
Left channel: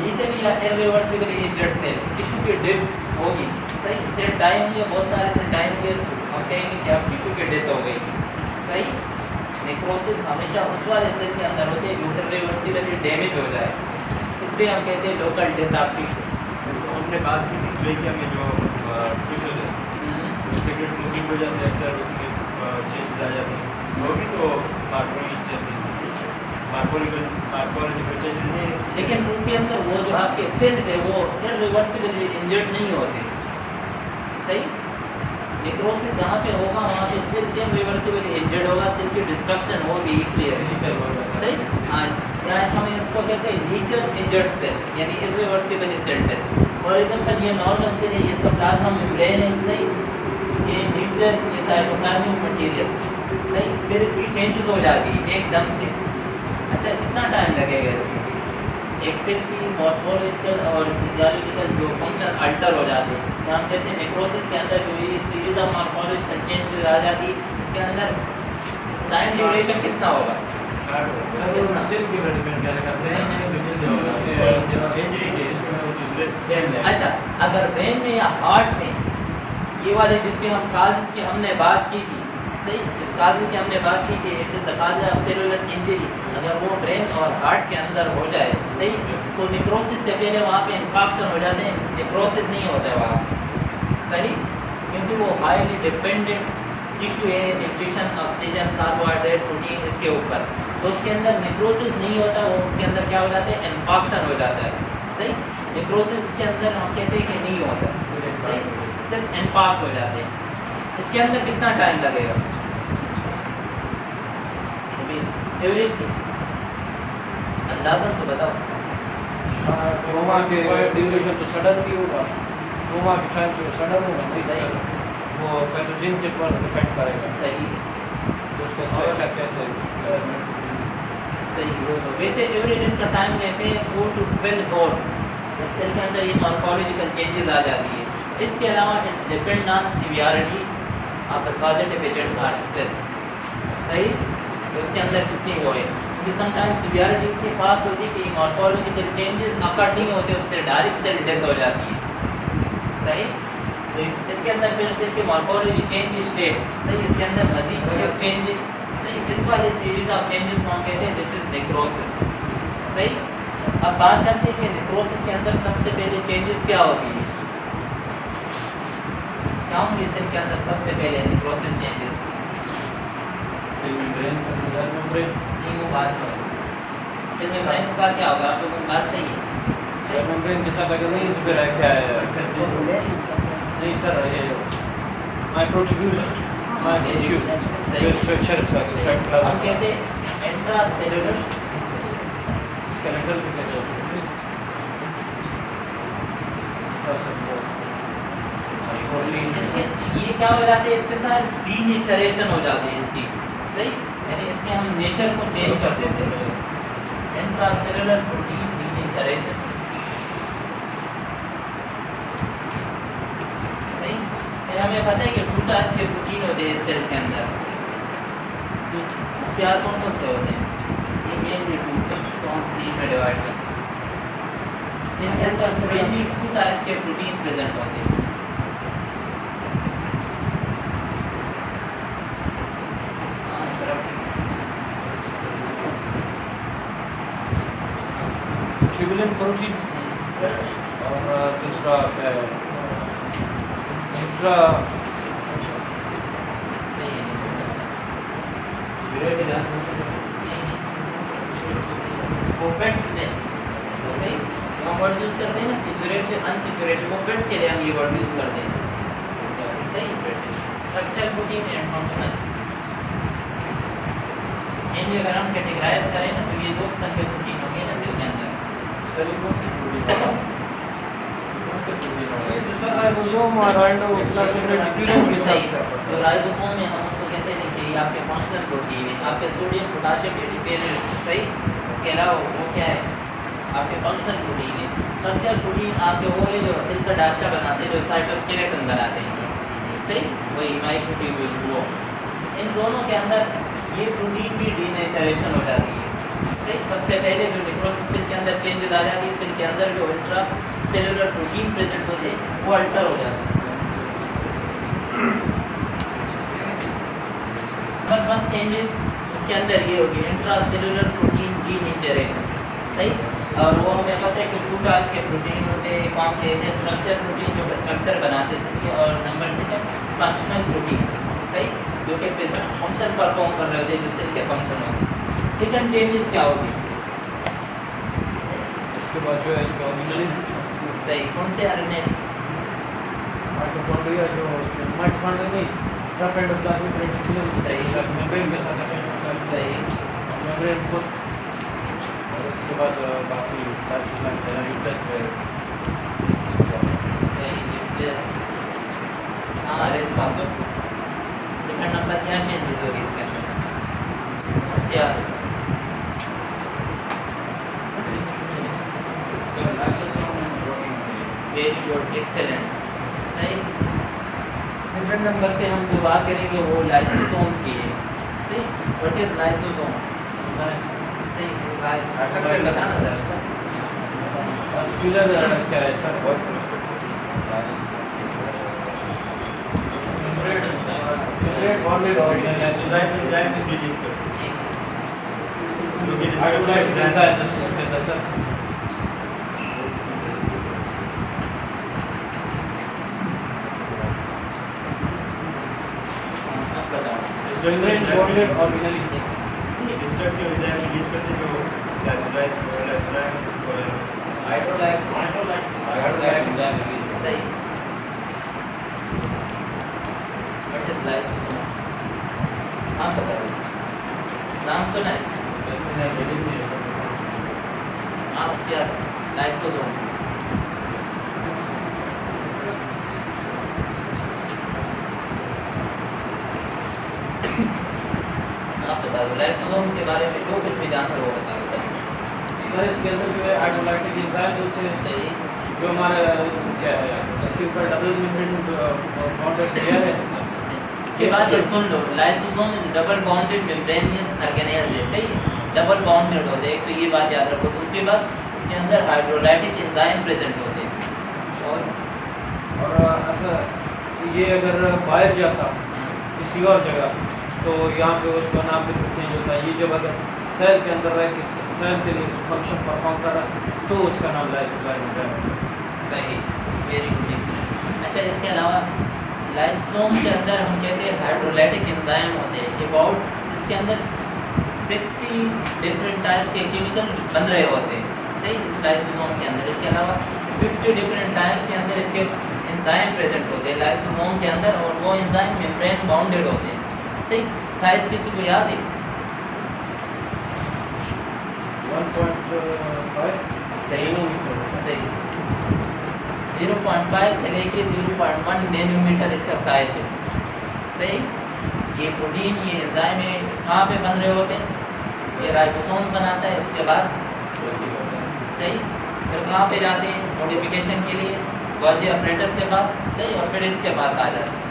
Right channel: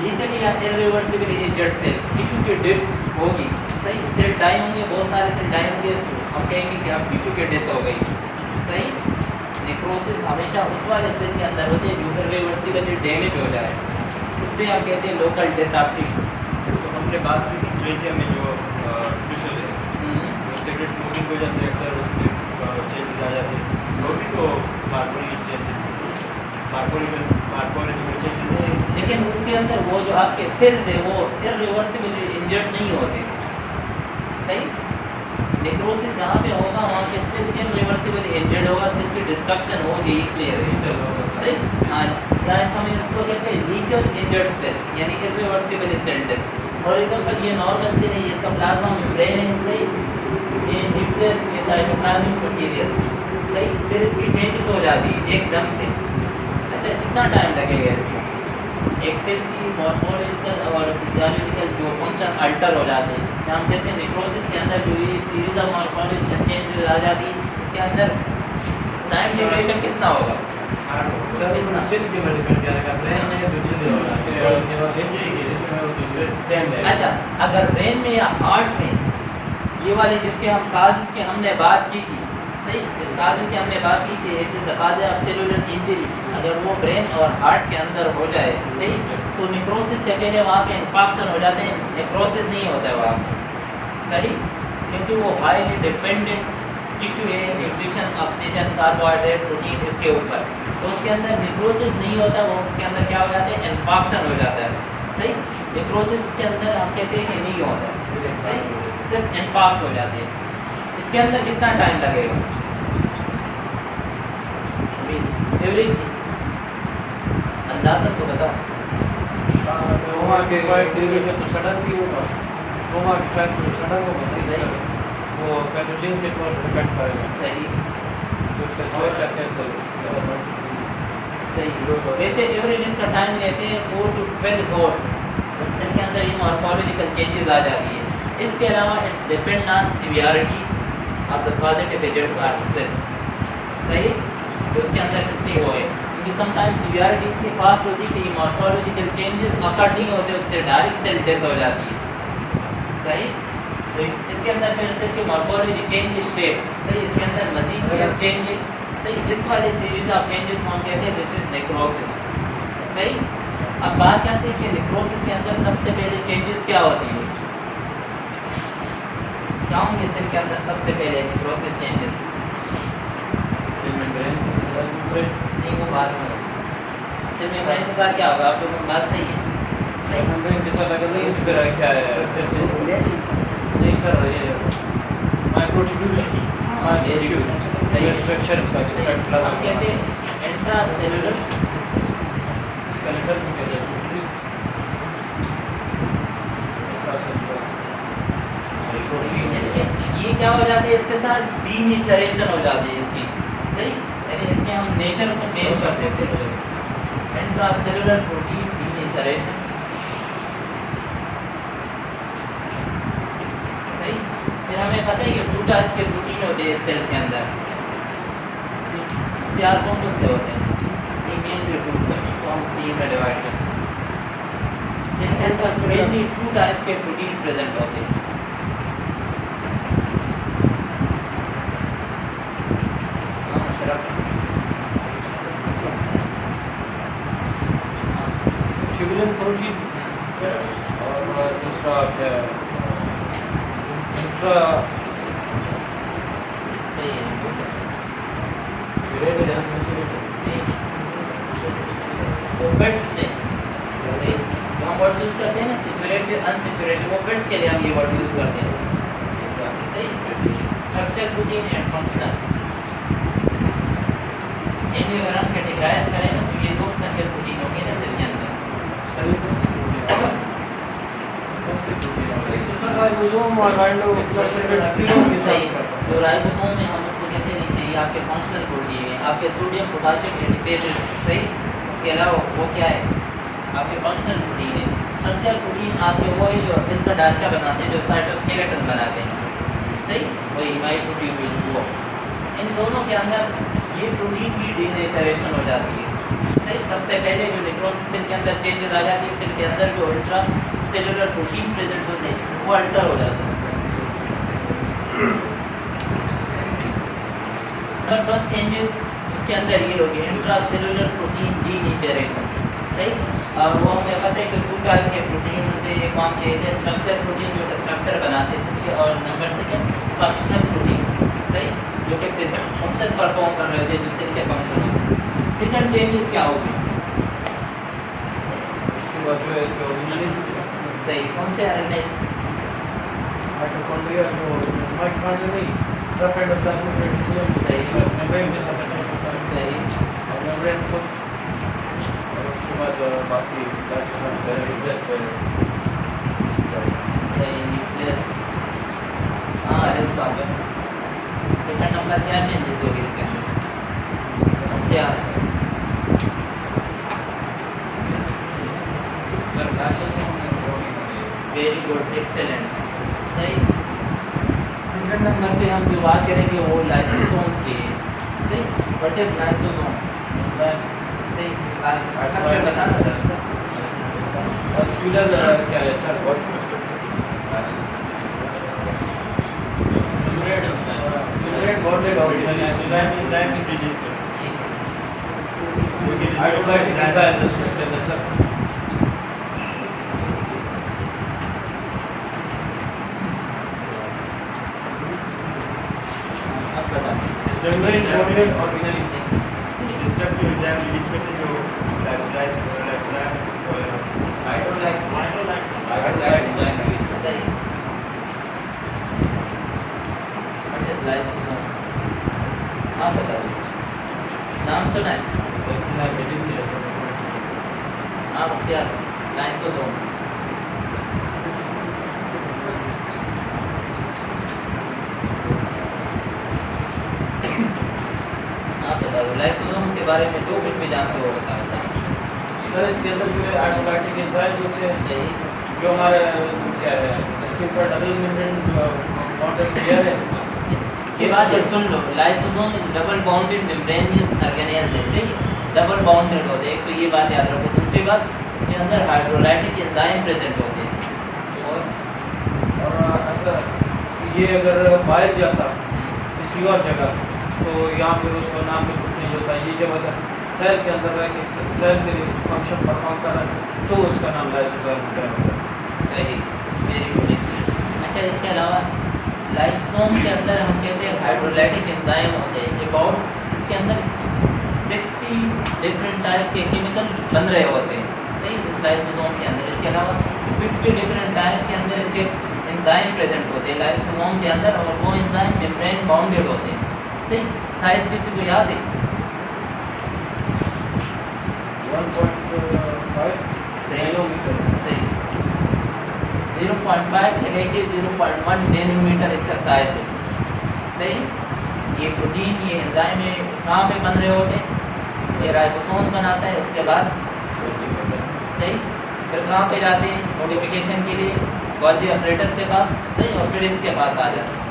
लीथली या इर्रिवर्सिबली इंजर्ड सेल, टिश्यू की डेथ होगी। सही, सेल डाई होंगे, बहुत सारे सेल डाई होंगे, हम कहेंगे कि आप टिश्यू की डेथ हो गई। सही, नेक्रोसिस हमेशा उस वाले सेल के अंदर होते हैं जो इर्रिवर्सिबली डैमेज हो जाए, इसलिए हम कहते हैं लोकल डेथ ऑफ टिश्यू। तो हमने बात की थी ट्रेकिया में जो टिश्यू है, सिगरेट स्मोकिंग की वजह से अक्सर उसमें चेंजेस आ जाते हैं, वो भी तो मार्फोलॉजिकल चेंजेस नहीं है। लेकिन उसके अंदर वो जो आपके सेल्स है वो इर्रिवर्सिबली इंजर्ड नहीं होते। सही, नेक्रोसिस जहाँ पे होगा वहाँ पे सेल इर्रिवर्सिबली इंजर्ड होगा, सेल की डिस्ट्रक्शन होगी, क्लियर है। सही, हाँ, हम इसको कहते हैं लीचर इंजर्ड सेल, यानी इर्रिवर्सिबली सेल डेथ। और एग्जाम्पल ये नॉर्मल सेल है, ये इसका प्लाज्मा मेम्ब्रेन है। सही, ये न्यूक्लियस, ये साइटोप्लाज्मिक मटीरियल। सही, फिर इसकी चेंजेस हो जाती है एकदम से। अच्छा, कितना टाइम लगेगा इसमें? एक सेल की मॉर्फोलॉजिकल और फिजियोलॉजिकल जो फंक्शन अल्टर हो जाते हैं, हम कहते हैं नेक्रोसिस के अंदर जो ये सीरीज ऑफ मॉर्फोलॉजिकल चेंजेस आ जाती है, इसके अंदर टाइम ड्यूरेशन कितना होगा? सेल के मेडिकल क्या करते हैं, अच्छा, अगर ब्रेन में या हार्ट में, ये वाले जिसके हम काजेस की हमने बात की थी, सही, इस काजेस की हमने बात की कि it is the cause of cellular injury, अगर वो ब्रेन और हार्ट के अंदर हो जाए, सही, तो नेक्रोसिस से पहले वहाँ पे इन्फेक्शन हो जाते हैं, नेक्रोसिस नहीं होता है वहाँ। सही, क्योंकि वो हाईली डिपेंडेंट टिश्यू है न्यूट्रिशन, ऑक्सीजन, कार्बोहाइड्रेट, प्रोटीन इसके ऊपर, तो उसके अंदर नेक्रोसिस नहीं होता, वो उसके अंदर क्या हो जाता है, इन्फेक्शन हो जाता है। सही, नेक्रोसिस इसके अंदर हम कहते हैं कि नहीं होता, सही, सिर्फ इन्फेक्ट हो जाते हैं। इसके अंदर कितना टाइम लगेगा? एवरी अंदाज़ा तो बताओ। कोमा के ड्यूरेशन तो सडन भी होगा, कोमा के टाइम तो सडन होगा, नहीं सही, वो पैथोजन के पर डिपेंड करेगा। सही, तो उसका स्ट्रक्चर कैसे सही। वैसे एवरेज इसका टाइम लेते हैं 4 to 12 आवर। सेल के अंदर ये मॉर्फोलॉजिकल चेंजेस आ जाती है। इसके अलावा it's depend on severity, of the positive agent or stress. सही, तो इसके अंदर कितनी वो है, क्योंकि समटाइम्स सिवियरिटी इतनी फास्ट होती है कि मॉर्फोलॉजिकल चेंजेस अकर्ट नहीं होते, उससे डायरेक्ट सेल डेथ हो जाती है। सही, तो इसके अंदर फिर सेल के मॉर्फोलॉजी चेंज स्टेट। सही, इसके अंदर मजीद चेंज। सही, इस वाले सीरीज ऑफ चेंजेस को हम कहते हैं दिस इज नेक्रोसिस। सही, अब बात करते हैं कि नेक्रोसिस के अंदर सबसे पहले चेंजेस क्या होती है, क्या होंगे सेल के अंदर सबसे पहले नेक्रोसिस चेंजेस? नहीं, वो बात में सेल मेम्ब्रेन के साथ क्या होगा, आप लोगों की बात सही है। सही, मेम्ब्रेन के साथ अगर नहीं, इस पर क्या है नहीं सर, ये माइक्रोट्यूब्यूल सही स्ट्रक्चर हम कहते हैं इंट्रासेलुलर स्केलेटल इसके ये क्या हो जाती है, इसके साथ डीनेचरेशन हो जाती है इसकी। सही, यानी इसमें हम नेचर को चेंज कर देते हैं, इंट्रासेलुलर प्रोटीन डीनेचरेशन। सही, फिर हमें पता है कि 2 टाइप्स के प्रोटीन होते हैं सेल के अंदर, प्यार कौन कौन से होते हैं, ये मेनली 2 तो हम 3 में डिवाइड करते हैं। सेल के अंदर मेनली 2 टाइप्स के प्रोटीन प्रेजेंट होते हैं। ट्यूबुलिन प्रोटीन और दूसरा क्या है, दूसरा सही है, वो बेड्स से हम वर्ड यूज करते हैं ना, सिक्योरिटी अनसिक्योरिटी, वो बेड्स के लिए हम ये वर्ड यूज करते हैं। सही, स्ट्रक्चर प्रोटीन एंड फंक्शनल, इन्हें अगर हम कैटेगराइज करें ना तो ये 2 किस्म के प्रोटीन होंगे ना सेल के अंदर। सही, जो राइबोसोम में हम उसको कहते हैं कि ये आपके फंक्शनल प्रोटीन है, आपके सोडियम पोटेशियम एडिपेज। सही, इसके अलावा वो क्या है, आपके फंक्शनल प्रोटीन है। स्ट्रक्चर प्रोटीन आपके वो है जो सेल का ढांचा बनाते हैं, जो साइटोस्केलेटन बनाते हैं। सही, वही माइक्रोट्यूब्यूल वो, इन दोनों के अंदर ये प्रोटीन की डीनेचरेशन हो जाती है। सही, सबसे पहले जो नेक्रोसिस सेल के अंदर चेंजेस आ जाती है, सेल के अंदर जो अल्ट्रा सेलुलर प्रोटीन प्रेजेंट होते हैं वो अल्टर हो जाते हैं। फर्स्ट चेंजेस उसके अंदर ये होगी इंट्रा सेलुलर प्रोटीन डीनेचरेशन। सही, और वो हमें पता है कि 2 टाइप्स के प्रोटीन होते हैं, एक हम कहते हैं स्ट्रक्चर प्रोटीन जो स्ट्रक्चर बनाते हैं, और नंबर 2 फंक्शनल प्रोटीन। सही, जो कि फंक्शन परफॉर्म कर रहे होते हैं, जो सेल के फंक्शन होते हैं। सेकंड चेंजेस क्या होगी, उसके बाद जो है इसके ऑर्गेनेल्स। सही, कौन से आरएनए? माइटोकॉन्ड्रिया जो माइटोकॉन्ड्रिया नहीं, रफ एंडोप्लाज्मिक रेटिकुलम। सही, मेम्ब्रेन के साथ अटैच होता है, सही, मेम्ब्रेन को, और उसके बाद बाकी प्लाज्मिक न्यूक्लियस पे। सही, न्यूक्लियस, हाँ रेड साउंड। सेकंड नंबर क्या चेंजेस होगी इसके अंदर, क्या है? Very good, excellent. सही, सेकंड नंबर पे हम जो बात करेंगे वो लाइसोसोम्स की है। सही, व्हाट इज लाइसोसोम? सही, स्ट्रक्चर बताना सर। मस्कुलर क्या है सर? मेम्ब्रेन बॉन्डेड ऑर्गेनल है, एंजाइम रिलीज करते हैं, जो कि I would like to design this disclaimer, sir. Membrane is bonded originally. Destructive enzyme release करते हैं, जो I don't like enzyme release. सही, व्हाट इज लाइसोसोम? आप बता दो, नाम सुना है? नाम क्या? लाइसोसोम। आप बता दो लाइसोसोम के बारे में जो कुछ भी जानते हो बता दो। सर इसके अंदर जो है आइटोलाइटिक एंजाइम जो है सही, जो हमारे क्या है इसके ऊपर डबल मेम्ब्रेन बॉन्ड किया है, इसके बाद ये सुन लो, lysosome is double bounded membranous organelle है, सही, डबल बाउंडेड होते हैं, तो ये बात याद रखो। दूसरी बात, इसके अंदर हाइड्रोलाइटिक एंजाइम प्रेजेंट होते हैं। और अच्छा, ये अगर बाहर जाता किसी और जगह तो यहाँ पे उसका नाम बिल्कुल चेंज होता है। ये जब अगर सेल के अंदर रह के सेल के लिए फंक्शन परफॉर्म कर रहा है तो उसका नाम लाइसोसोम है। सही, वेरी गुड। अच्छा, इसके अलावा लाइसोसोम के अंदर हम कहते हैं हाइड्रोलाइटिक एंजाइम होते हैं। अबाउट इसके अंदर 60 डिफरेंट टाइप के केमिकल बन रहे होते हैं, सही, इस लाइसोसोम के अंदर। इसके अलावा 50 डिफरेंट टाइप के अंदर इसके एंजाइम प्रेजेंट होते हैं लाइसोसोम के अंदर, और वो एंजाइम मेम्ब्रेन बाउंडेड होते हैं, सही। साइज किसी को याद है? 1.5 नैनोमीटर, सही। 0.5 से लेके 0.1 नैनोमीटर इसका साइज है, सही। ये प्रोटीन, ये एंजाइम है, कहाँ पे बन रहे होते हैं? ये राइबोसोम बनाता है, उसके बाद सही, फिर कहाँ पे जाते हैं मॉडिफिकेशन के लिए? गोल्जी ऑपरेटर्स के पास, सही, और फिर इसके पास आ जाते हैं।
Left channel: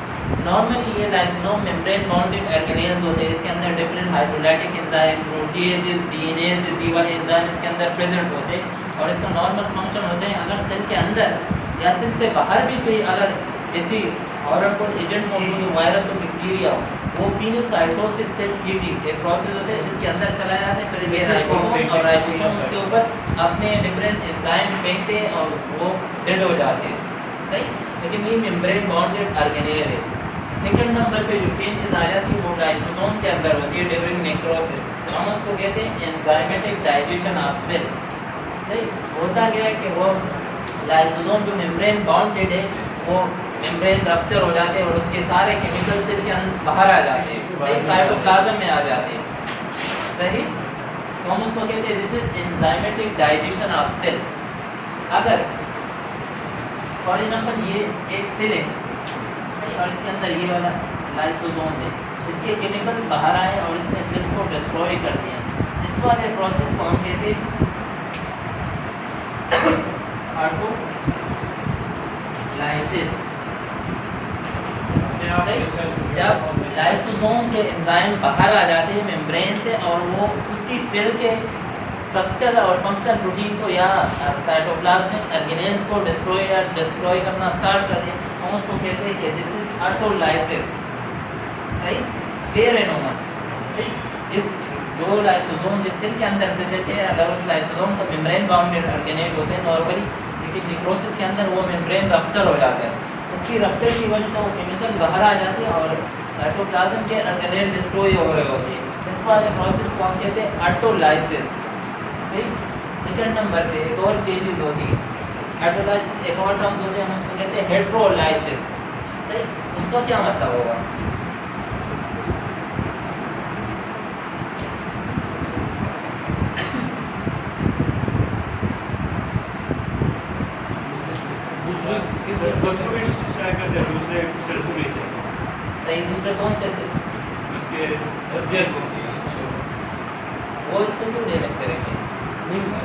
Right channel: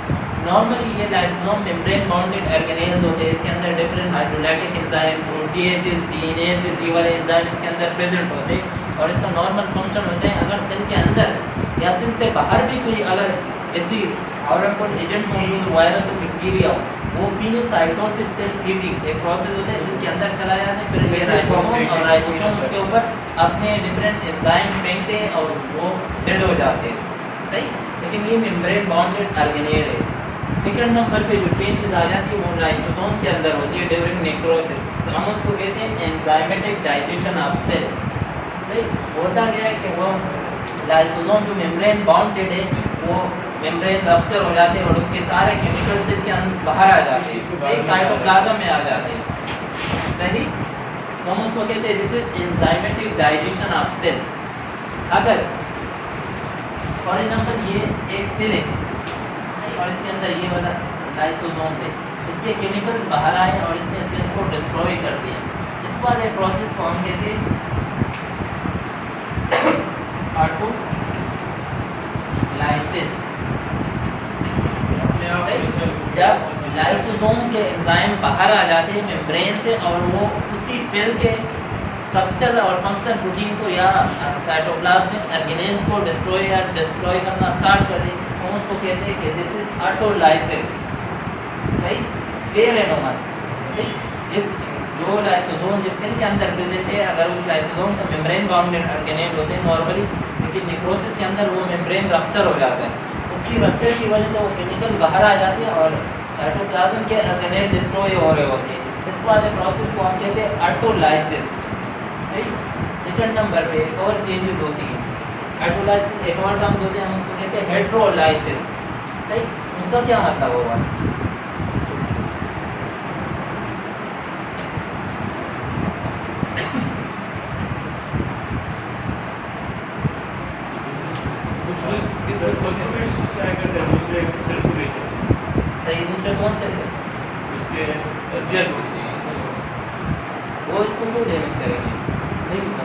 नॉर्मली ये लाइसोसोम मेम्ब्रेन बाउंडेड ऑर्गेनेल्स होते हैं, इसके अंदर डिफरेंट हाइड्रोलाइटिक एंजाइम, प्रोटीएसेस, डीएनएसेस, ये वाले एंजाइम इसके अंदर प्रेजेंट होते हैं, और इसका नॉर्मल फंक्शन होता है अगर सेल के अंदर या सेल से बाहर भी कोई अगर ऐसी हार्मफुल एजेंट मौजूद हो, वायरस और बैक्टीरिया हो, वो पीनोसाइटोसिस से कीटिंग एक प्रोसेस होता है, इसके अंदर चला जाता है, फिर ये राइबोसोम और राइबोसोम उसके ऊपर अपने डिफरेंट एंजाइम फेंकते हैं और वो डेड हो जाते हैं, सही। लेकिन ये मेम्ब्रेन बाउंडेड ऑर्गेनेल है। सेकंड नंबर पे जो चेंजेस आ जाती है वो लाइसोसोम के अंदर होती है ड्यूरिंग नेक्रोसिस। हम उसको कहते हैं एंजाइमेटिक डाइजेशन ऑफ सेल, सही। होता गया कि वो लाइसोसोम जो मेम्ब्रेन बाउंडेड है वो मेम्ब्रेन रप्चर हो जाते हैं और उसके सारे केमिकल सेल के अंदर बाहर आ जाते हैं, सही, साइटोप्लाज्म में आ जाते हैं, सही। तो हम उसको कहते हैं this is enzymatic digestion of cell. अगर फॉर एग्जांपल ये एक सेल है, और इसके अंदर ये वाला लाइसोसोम है, इसके केमिकल्स बाहर आए और इसने सेल को डिस्ट्रॉय कर दिया, इस वाले प्रोसेस को हम कहते हैं ऑटोलाइसिस। जब लाइसोसोम के एंजाइम बाहर आ जाते हैं मेम्ब्रेन से और वो उसी सेल के स्ट्रक्चर और फंक्शन प्रोटीन को या साइटोप्लाज्मिक ऑर्गेनेल्स को डिस्ट्रॉय करना स्टार्ट कर दें, हम उसको कहते हैं कि दिस इज ऑटोलाइसिस, सही। क्लियर है नोमा, सही। इस जो लाइसोसोम जिस सेल के अंदर प्रेजेंट है, अगर उस लाइसोसोम का मेम्ब्रेन बाउंडेड ऑर्गेनेल होते हैं नॉर्मली, लेकिन नेक्रोसिस के अंदर वो मेम्ब्रेन रप्चर हो जाता है, उसकी रप्चर की वजह से वो केमिकल बाहर आ जाते हैं और साइटोप्लाज्म के ऑर्गेनेल डिस्ट्रॉय हो रहे होते हैं। इस वाले प्रोसेस को हम कहते हैं ऑटोलाइसिस, सही। सेकंड नंबर पे एक और चेंजेस होती है ऑटोलाइसिस, एक और टर्म्स होते हैं, हम उसको कहते हैं हेट्रोलाइसिस, सही। उसका क्या मतलब होगा? दूसरे सेल पूरे थे, सही। दूसरे कौन से थे? उसके वो इसको क्यों डैमेज करेंगे?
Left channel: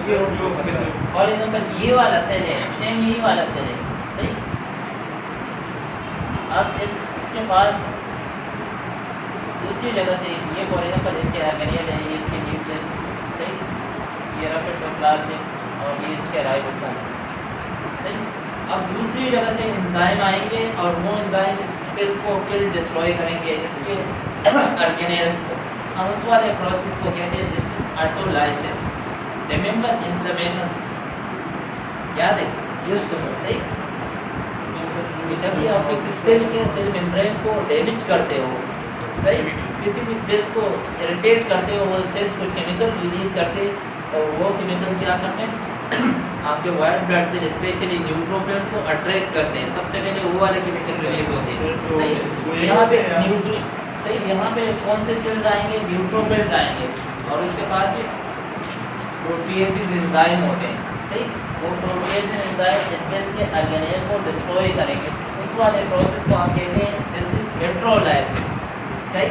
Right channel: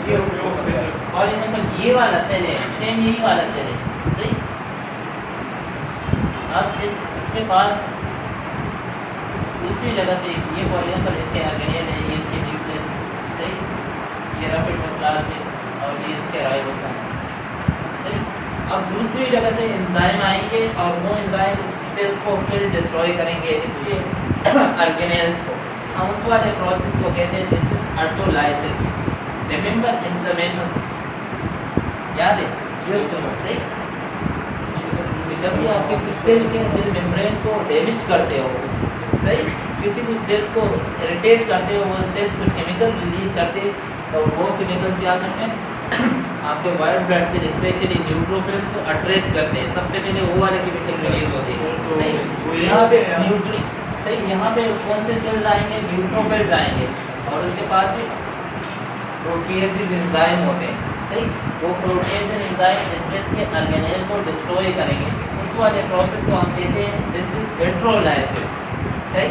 ये और एग्जांपल ये वाला सेल है, सेम यही वाला सेल है, सही। अब इसके पास दूसरी जगह से ये फॉर एग्जांपल इसके ऑर्गेनेल है, ये इसके न्यूक्लियस, सही, ये रैपिड प्लाज्मिक और ये इसके राइबोसोम, सही। अब दूसरी जगह से एंजाइम आएंगे और वो एंजाइम इस सेल को फिर डिस्ट्रॉय करेंगे, इसके ऑर्गेनेल्स को। हम उस वाले प्रोसेस को कहते हैं this is autolysis. Remember inflammation, याद है? जस्ट सही। जब भी आप किसी सेल के सेल मेम्ब्रेन को डैमेज करते हो, सही, किसी भी सेल को इरिटेट करते हो, वो सेल कुछ केमिकल रिलीज करते हैं और वो केमिकल्स क्या करते हैं आपके white blood cell specially neutrophils को अट्रैक्ट करते हैं। सबसे पहले वो वाले केमिकल रिलीज होते हैं, सही। यहाँ पे सही, यहाँ पे कौन से सेल्स आएंगे? न्यूट्रोफिल्स आएंगे और उसके पास भी प्रोटीएसेस एंजाइम होते हैं, सही। वो प्रोटीएसेस एंजाइम इस सेल्स के ऑर्गेनेल को डिस्ट्रॉय करेंगे, उस वाले प्रोसेस को हम कहते हैं दिस इज हेट्रोलाइसिस, सही।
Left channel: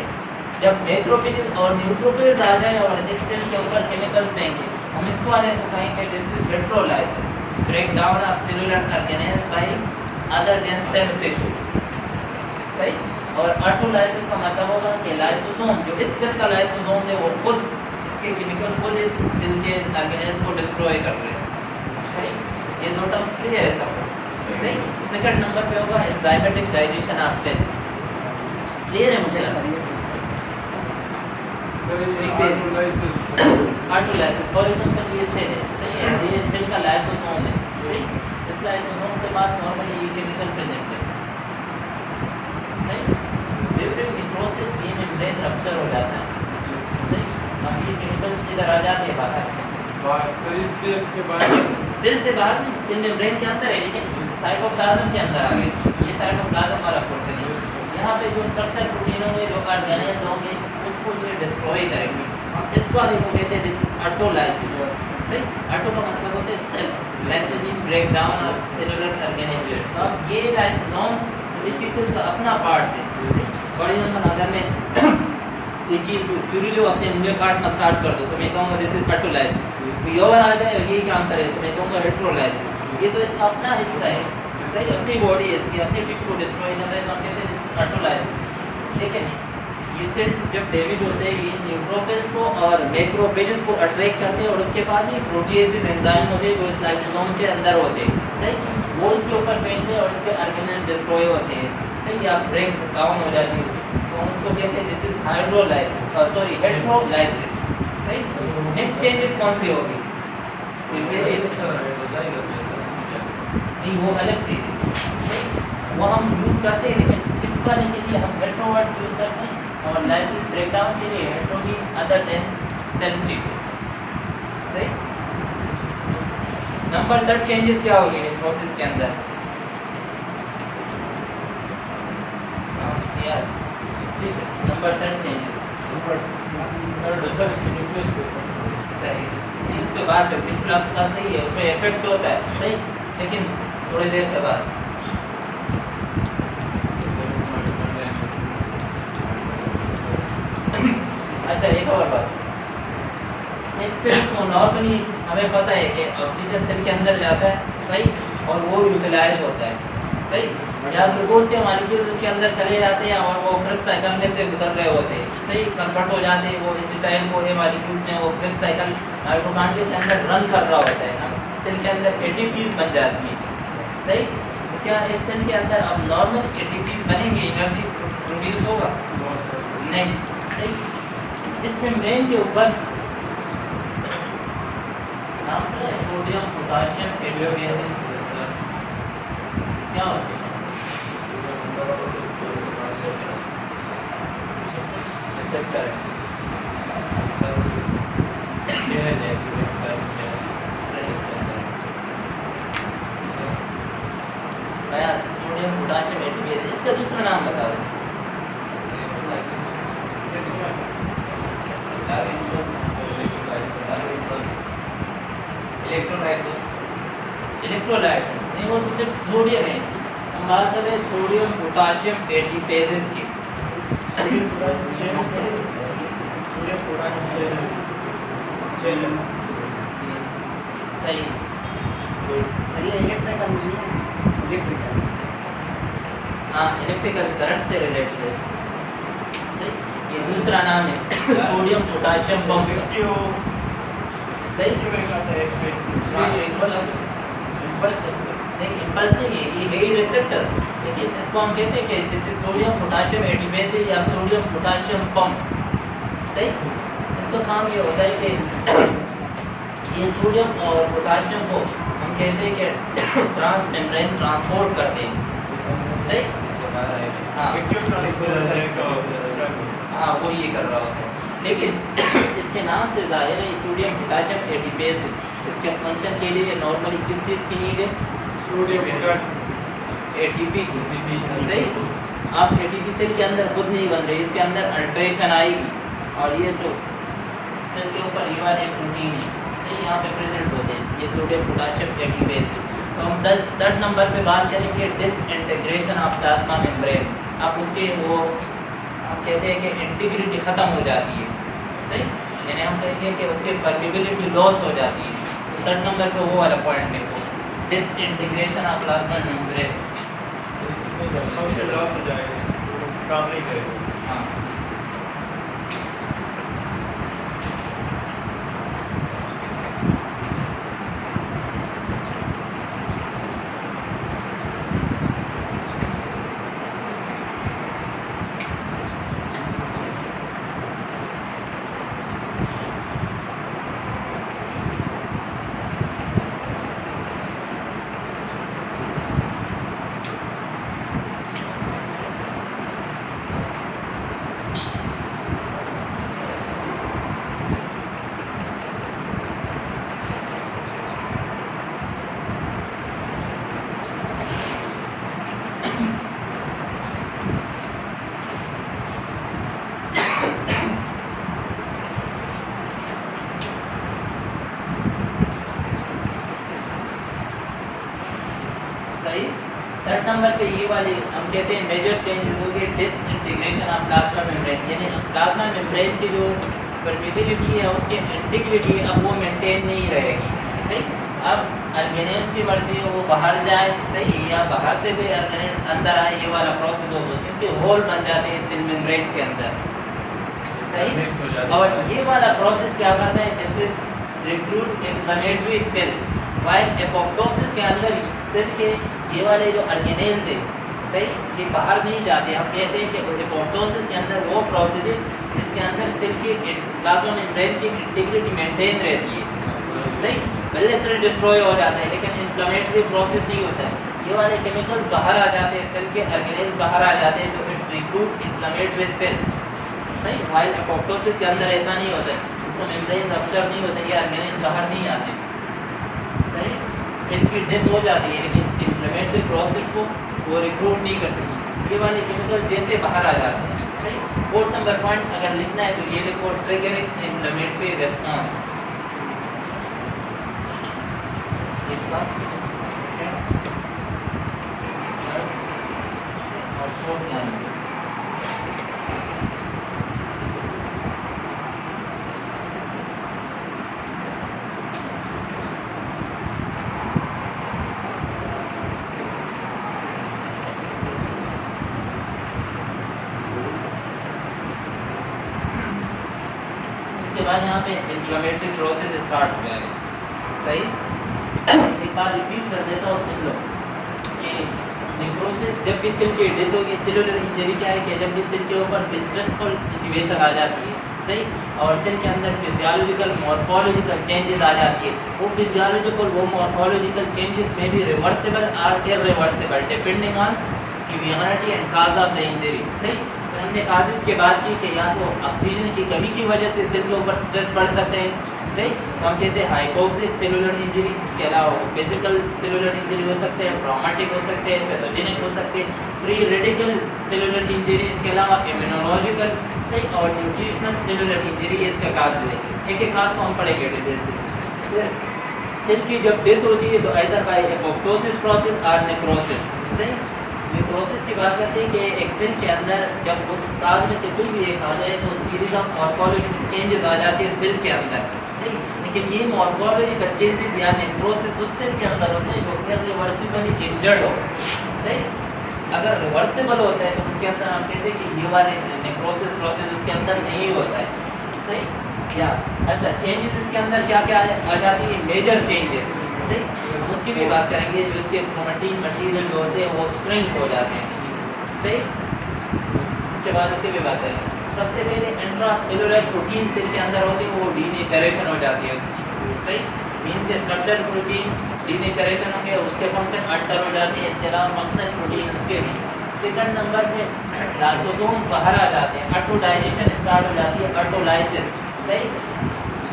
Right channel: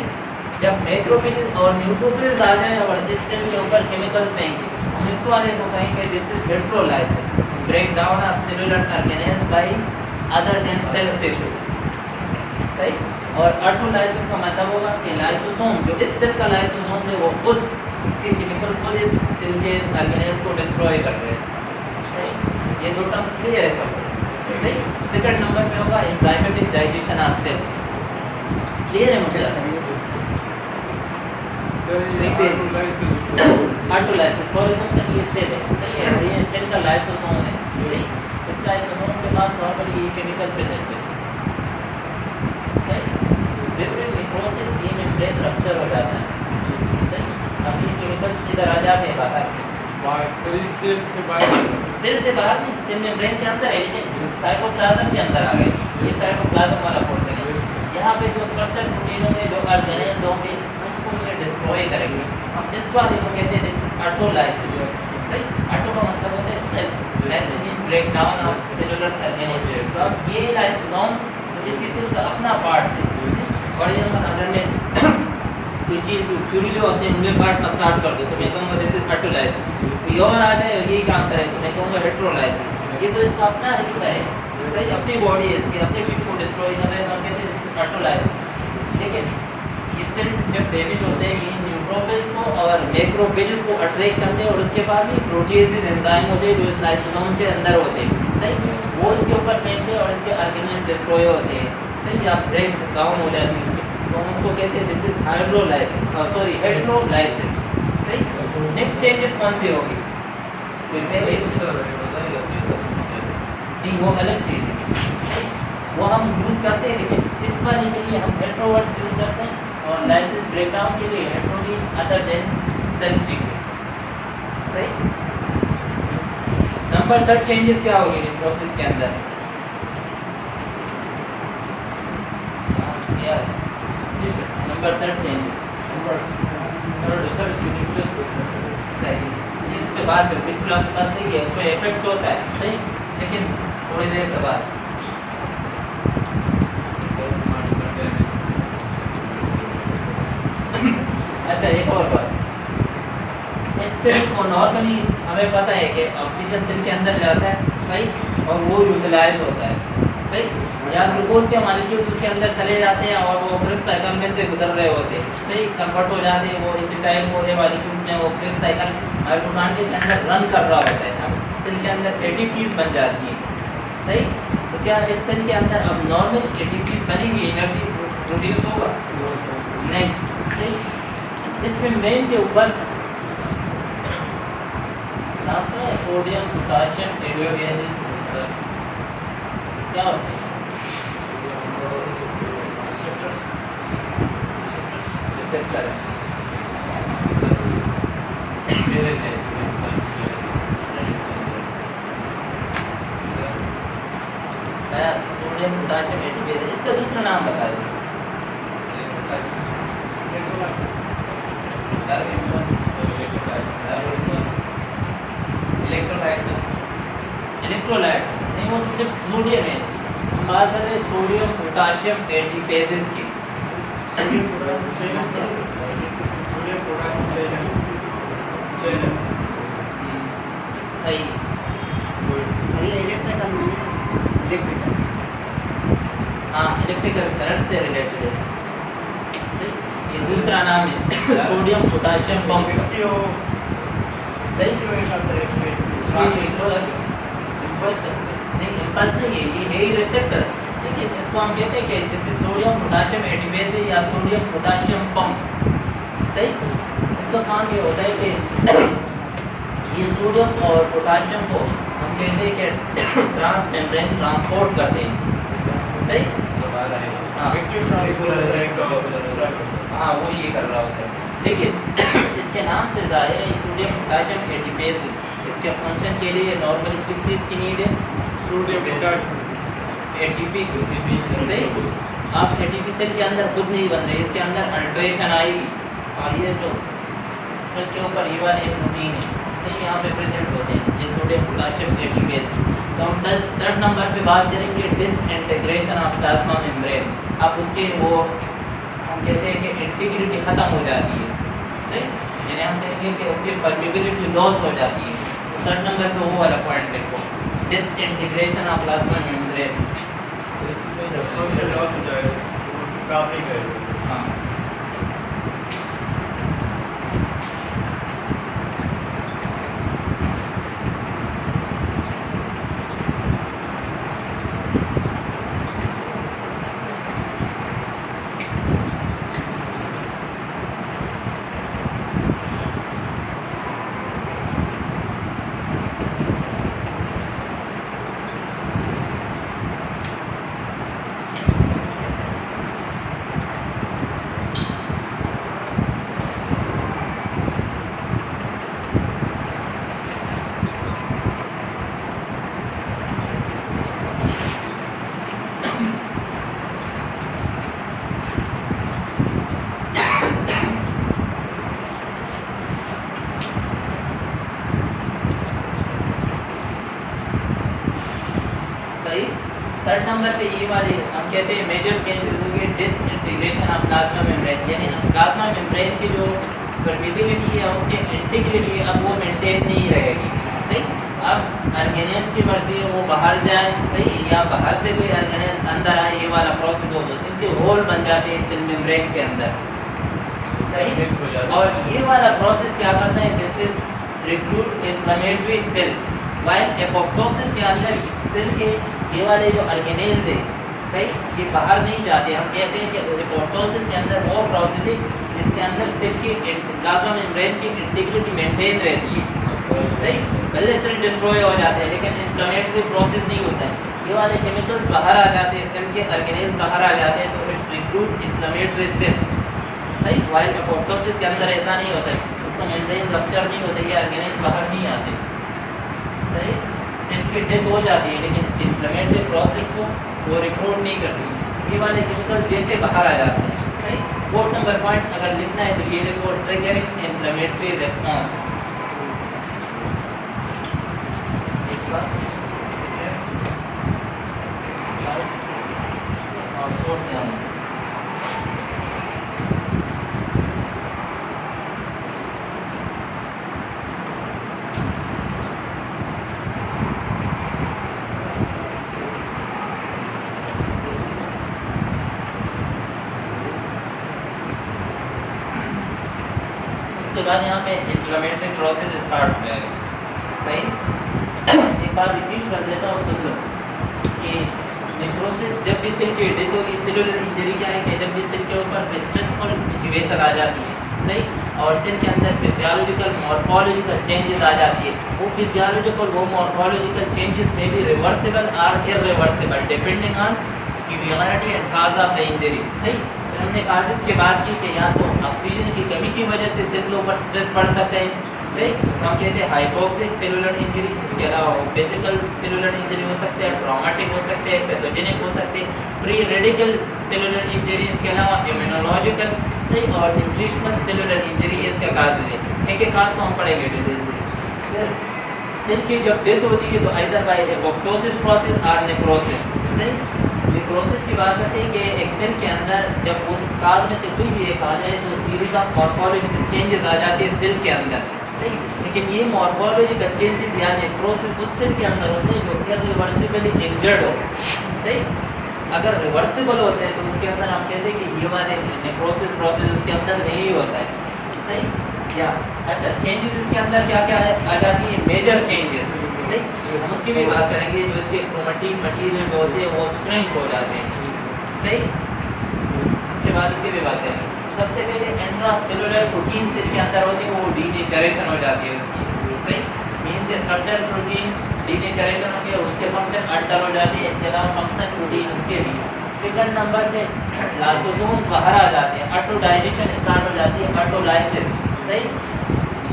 जब मैक्रोफिल्स और न्यूट्रोफिल्स आ जाए और इस सेल के ऊपर केमिकल्स फेंके, हम इस वाले को कहेंगे this is heterolysis, break down of cellular organelles by other than cell tissue, सही। और ऑटोलाइसिस का मतलब होगा कि लाइसोसोम जो इस सेल का लाइसोसोम है वो खुद इसके केमिकल खुद इस सेल के ऑर्गेनेल्स को डिस्ट्रॉय कर रहे हैं। सही, ये दो टर्म्स क्लियर है सब। सही। सेकंड नंबर पे होगा enzymatic digestion of cell. Clear है मुझे? ऑटोलाइसिस फॉर एग्जांपल ये सेल है, सही है, ये सेल का लाइसोसोम है। सही। इस लाइसोसोम के पास नॉर्मली ये केमिकल प्रेजेंट है। ड्यूरिंग नेक्रोसिस ये मेम्ब्रेन रप्चर हो जाता है। सही। अब ये केमिकल्स इधर आ जाते हैं बाहर, सेल से बाहर नहीं, सेल मेम्ब्रेन के अंदर है, लेकिन साइटोप्लाज्म के अंदर आ गए। ये साइटोप्लाज्म वाला पोर्शन है। यहाँ पे जो स्ट्रक्चर प्रोटीनों में जो ऑर्गेनेल्स होंगे उसको ये डिस्ट्रॉय करेंगे। हम इस वाले को कहते हैं दिस ऑटोलाइसिस। सही। ऑटो का मतलब होता है cell, lysis mean break down of cellular organelles. तो अब ये लाइसोसोम्स इसी सेल का अपना पार्ट है। फॉर एग्जाम्पल अगर मैं कोई चीज़ चूरी जो अपने इनमें पार्ट में स्टार्ट कर दो तो मैं कहूँगा दिस इज ऑटोलाइसिस। तो ये आ जाए और यही काम करे तो मैं कहूँगा हेट्रोलाइसिस। ये तो इसका अपना हिस्सा है। सही। अपनी बॉडी है, इसकी अपनी टिश्यू को डिस्ट्रॉय कर रहे हैं, तो हम कहते हैं दिस इज ऑटोलाइसिस। ठीक है। ये सेल जब डैमेज होते हैं ये न्यूट्रोफिल्स को और मैक्रोफेजेस को अट्रैक्ट करते हैं और उसके पास ही प्रोटीएजेस एंजाइम होते हैं जो इस लाइसोसोम के अंदर होते हैं। सही। वो इसके ऊपर बैठते हैं और इसके ऑर्गेनेल डिस्ट्रॉय होते हैं। सही। या ब्रेक डाउन हो जाती है उसकी, तो हम उसको कहते हैं दिस इज हाइड्रोलाइसिस, सॉरी हेट्रोलाइसिस। सही। नेक्स्ट चेंजेस कौन सी होगी? नहीं, वो अलग चीज़ है, वो हम यूज़ करते हैं, लेकिन इस वाले के लिए हम हेट्रोवर्ड यूज़ करते हैं और लाइसिस ब्रेकडाउन के लिए हेट्रोली अदर देन सेल्फ। सही। नंबर 3 चेंजेस क्या होगी प्रोसेस के अंदर? नंबर 3 चेंजेस सही। इस पे बात करते हैं, आपके पास सही है, उसमें इफेक्ट होता है। सही। लेकिन थोड़ी देर के बाद अच्छा एक और बात, इस सेल को नॉर्मली हमें पता है कि ऑक्सीजन सेल के अंदर जाता है। सही। और वो यूटिलाइज होता है। सही। या ग्लूकोज के मालिक्यूल उसके अंदर चले जाते हैं और वो क्रिप्स साइकिल में से गुजर रहे होते हैं। सही। कन्वर्ट हो जाते हैं, वो एसिटाइल को ये मालिक्यूल में वो क्रिप्स साइकिल माइटोकॉन्ड्रिया के अंदर रन कर रहा होता है। अब सेल के अंदर एटीपीज बन जाती है। सही। तो क्या इस सेल के अंदर अब नॉर्मल एटीपीज बनेंगी, एनर्जी प्रोड्यूस होगा? नहीं। सही। इसमें मेन के ऊपर नाम सुना है सोडियम पोटेशियम एडियोबेसिस क्या होते हैं? रिसेप्टर है। सोडियम पोटेशियम एडियोबेसिस, इसका दूसरा नाम बता दो। इलेक्ट्रोलाइट नहीं, वो तो सिर्फ सोडियम है। हम बात कर रहे हैं सोडियम पोटेशियम एडिफेजेस की। सही। सही है, इलेक्ट्रिकल नहीं है, इलेक्ट्रिकल। हाँ, इलेक्ट्रिकल करंट से रिलेटेड है। सही। ये दूसरा नाम है सोडियम पोटेशियम पंप। सही। नहीं, इम्पल्स नहीं है, ये है ही रिसेप्टर, लेकिन इसको हम कहते हैं कि जैसे सोडियम पोटेशियम एडिबेसिस या सोडियम पोटेशियम पंप। सही। इसका काम ये होता है कि ये सोडियम और पोटेशियम को हम कहते हैं कि ट्रांस मेम्ब्रेन ट्रांसपोर्ट करते हैं। सही। हाँ, वो ये कर रहा होता है, लेकिन इसके नाम से जाहिर है ये सोडियम पोटेशियम एडिबेसिस, इसके फंक्शन के लिए नॉर्मली किस चीज़ की नीड है? एटीपी की। सही। आप एटीपी सेल के अंदर खुद नहीं बन रहे, इसके अंदर अल्ट्रेशन आएगी और ये जो सेल के ऊपर ये वाले प्रोटीन है सही यहाँ पे प्रेजेंट होते हैं, ये सोडियम पोटेशियम एडिबेसिस। तो हम 3rd नंबर पे बात करेंगे डिसइंटीग्रेशन ऑफ प्लाज्मा मेम्ब्रेन। अब उसके वो हम कहते हैं कि इंटीग्रिटी ख़त्म हो जाती है। सही। यानी हम कहेंगे कि उसकी परमिबिलिटी लॉस हो जाती है। 3rd नंबर पे वो वाला पॉइंट देखो, disintegration of plasma membrane. Function loss हो जाएगा। काम नहीं करेगा। हाँ सही। थर्ड नंबर पे ये वाले हम कहते हैं मेजर चेंजेस हो गए डिसइंटीग्रेशन ऑफ प्लाज्मा मेम्ब्रेन, यानी प्लाज्मा मेम्ब्रेन की जो परमिटिविटी है उसकी इंटीग्रिटी अब वो मेंटेन नहीं रहेगी। सही। अब ऑर्गेनेल्स की मर्जी है वो बाहर जाए, सही, या बाहर से कोई ऑर्गेनेल अंदर आए, ये वाला प्रोसेस हो तो इनके होल बन जाते हैं सेल मेम्ब्रेन के अंदर। सही। और ये वाला प्रोसेस क्या करता है, this is recruit inflammatory cell, while apoptosis के अंदर सेल के ये वाले जो ऑर्गेनेल्स है, सही, ये बाहर नहीं जाते। हम कहते हैं कि एपोप्टोसिस के अंदर वो प्रोसेस है जिसके अंदर सेल की प्लाज्मा मेम्ब्रेन की इंटीग्रिटी मेंटेन रहती है। सही। पहले सेल डिस्ट्रॉय हो जाते हैं लेकिन इन्फ्लेमेटरी प्रोसेस नहीं होता है, ये वाले केमिकल्स बाहर आ जाते हैं, सेल के ऑर्गेनेल्स बाहर आ जाते हैं, तो इट्स रिक्रूट इन्फ्लेमेटरी सेल। सही। वाइल एपोप्टोसिस के अंदर ऐसा नहीं होता है, उसका मेम्ब्रेन रप्चर नहीं होता, ये ऑर्गेनेल्स बाहर नहीं आते। सही। सेल की डेथ हो जाती है लेकिन इन्फ्लेमेटरी प्रोसेस को वो रिक्रूट नहीं करती, ये वाले केमिकल्स जैसे बाहर आ जाते हैं। सही। फोर्थ नंबर पॉइंट अगर लिखना है तो ये लिखो, ट्रिगरिंग इन्फ्लेमेटरी रिस्पांस। और फोर्थ ध्यान रखो। उसके बाद यहाँ पे इन्फ्लेमेटरी प्रोसेस स्टार्ट हो जाएगा। सही। एक बार रिपीट कर देता हूँ, सुन लो कि नेक्रोसिस जब भी सेल की डेथ होगी, सेलुलर इंजरी क्या है कि जब भी सेल के ऊपर स्ट्रेसफुल सिचुएशन आ जाती है, सही, और सेल के अंदर फिजियोलॉजिकल मॉर्फोलॉजिकल चेंजेस आ जाती है, वो फिजियोलॉजिकल वो मॉर्फोलॉजिकल चेंजेस में भी रिवर्सिबल और irreversible depending on severity and cause of the injury. सही। हमने काजेस की बात की कि या तो ऑक्सीजन की कमी की वजह से सेल के ऊपर स्ट्रेस पड़ सकते हैं, सही, हम कहते हैं हाइपोक्सिक सेलुलर इंजरी, इसके अलावा बेसिकल सेलुलर इंजरी हो सकते हैं, ट्रॉमेटिक हो सकते हैं, पैथोजेनिक हो सकते हैं, प्री रेडिकल सेलुलर इंजरी, इसके अलावा इम्यूनोलॉजिकल, सही, और न्यूट्रिशनल सेलुलर इंजरी इसका काज है। एक एक काज को हम पढ़ेंगे डिटेल से। सेल की जब डेथ होती है तो आइदर बाय एपोप्टोसिस प्रोसेस और नेक्रोसिस। सही। नेक्रोसिस की बात करते हैं कि एक सेल के अंदर जब उस काज में से कोई भी एक आ जाए तो सीरीज ऑफ मॉर्फोलॉजिकल चेंजेस आ जाते हैं सेल के अंदर। सही। लेकिन ये मॉर्फोलॉजिकल चेंजेस या नेक्रोसिस उस सेल के अंदर होते हैं जो इरिवर्सिबली इंजर्ड हो। सही। अगर रिवर्सिबल होता है तो उसके अंदर हम कहते हैं कि ये वाले नेक्रोसिस प्रोसेस उसके अंदर नहीं होता है। सही। क्या अच्छा चेंजेस इसके अंदर क्या क्या है आ जाती है, मेजर चेंजेस। सही। हम उसकी भी बात करेंगे, जो इसके क्रोमेटिन मटेरियल जो होते हैं वो श्रिंक हो जाते हैं। सही। इसके बाद इसकी भी बात करेंगे। सबसे पहले इंट्रासेलुलर प्रोटीन सेल के अंदर होते हैं, वो डीनेचरेशन हो जाती है इसकी। सही। मीन्स के स्ट्रक्चर प्रोटीन डीनेचरेशन होती है, उसके फंक्शन अल्टर हो जाते हैं, इसके अलावा फंक्शनल प्रोटीन उसके भी। सेकंड नंबर पे लाइसोसोम बाहर आ जाते हैं, ऑटोडाइजेशन स्टार्ट हो जाती है, ऑटोलाइसिस। सही।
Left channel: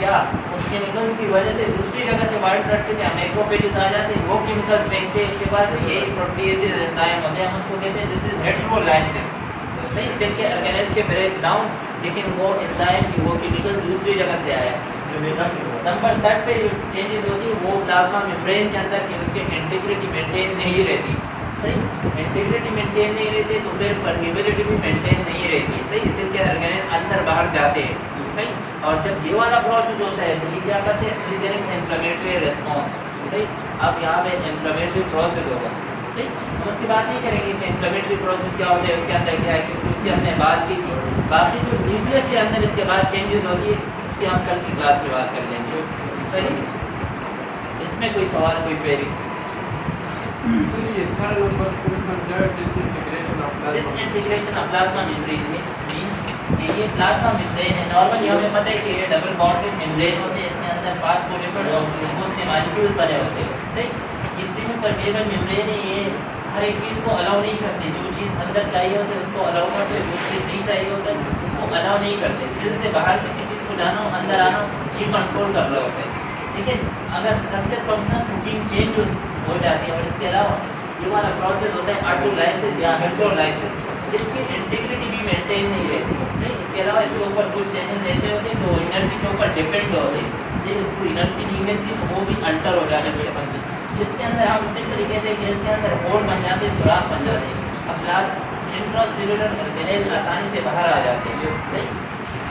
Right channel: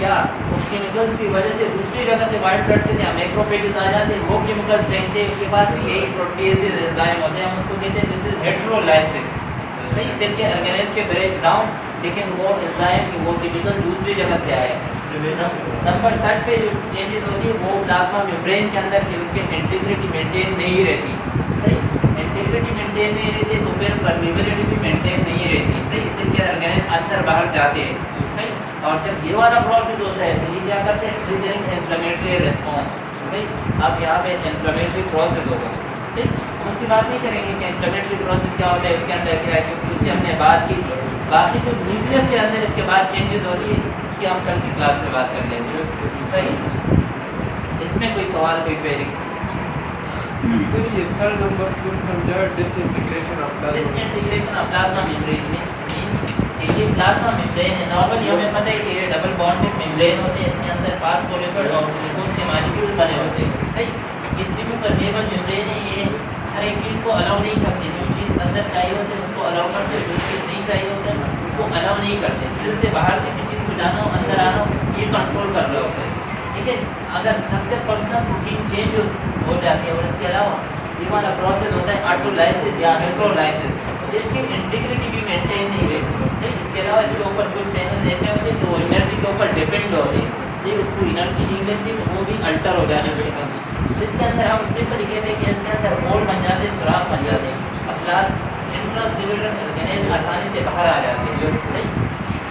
या उस केमिकल्स की वजह से दूसरी जगह से वाइट ब्लड सेल या मैक्रोफेजेस आ जाते हैं, वो केमिकल्स फेंकते हैं, उसके पास भी यही प्रोटीएजेस एंजाइम होते हैं, हम उसको कहते हैं दिस इज हेटेरोलाइसिस। सही। सेल के ऑर्गेनेल्स के ब्रेक डाउन, लेकिन वो एंजाइम की वो केमिकल दूसरी जगह से आया है। नंबर थर्ड पे जो चेंजेस होती है वो प्लाज्मा मेम्ब्रेन के अंदर कि उसकी इंटीग्रिटी मेंटेन नहीं रहती। सही। इंटीग्रिटी मेंटेन नहीं रहती तो फिर परमिबिलिटी भी मेंटेन नहीं रहती। सही। सेल के ऑर्गेनेल अंदर बाहर जाते हैं। सही। और जब ये वाला प्रोसेस होता है तो ये क्या करते हैं, ट्रिगरिंग इन्फ्लेमेटरी रिस्पांस। सही। अब यहाँ पे इन्फ्लेमेटरी प्रोसेस होगा। ठीक, हम उसकी बात नहीं करेंगे कि इंफ्लेमेटरी प्रोसेस क्या होता है, इसके अंदर क्या है, क्योंकि उसकी हमने बात की। बाकी जो न्यूक्लियस के अंदर इसके बाद चेंजेस होती है, इसकी हम कल की क्लास में बात कर लेंगे। सही, इसमें कोई सवाल, कोई क्वेरी? सर ये थर्ड नंबर को समझा, disintegration of plasma. Disintegration of plasma membrane में ये प्लाज्मा मेम्ब्रेन है। नॉर्मली हमें पता है कि ये डबल बॉन्डेड मेम्ब्रेन होते हैं, इसके अंदर फास्फोलिपिड और ग्लूकोज के मॉलिक्यूल बने होते हैं। सही, ये सेमी परमेबल मेम्ब्रेन है, ये हर एक चीज़ को अलाउ नहीं करते। जो चीज़ अंदर चाहिए होती है उसको अलाउ करते, जो चीज़ नहीं चाहिए होता है उसको अलाउ नहीं करते। सिर से बाहर किसी चीज़ को जाना हो, अंदर आना हो, ये कंट्रोल कर रहा होता है। लेकिन अगर स्ट्रक्चर फंक्शन रूटीन चेंज हो जाती है और इसके अलावा ये वाला प्रोसेस होता है ऑटोलाइसिस या इलेक्ट्रोलाइसिस, इसकी इंटीग्रिटी भी मेंटेन नहीं रहती। इसके अलावा इसके ऊपर कुछ चैनल ऐसे होते हैं तो एनर्जी के ऊपर डिपेंड होते हैं, जी उसको एनर्जी नहीं मिलती तो वो भी अल्टर हो जाने से बनती। इसके अंदर हम सिंपल कहते हैं कि इसके अंदर होल बन जाते, सुराख बन जाते, अब प्लस इंट्रासेलुलर ऑर्गेनेल आसानी से बाहर आ जाते हैं। सही,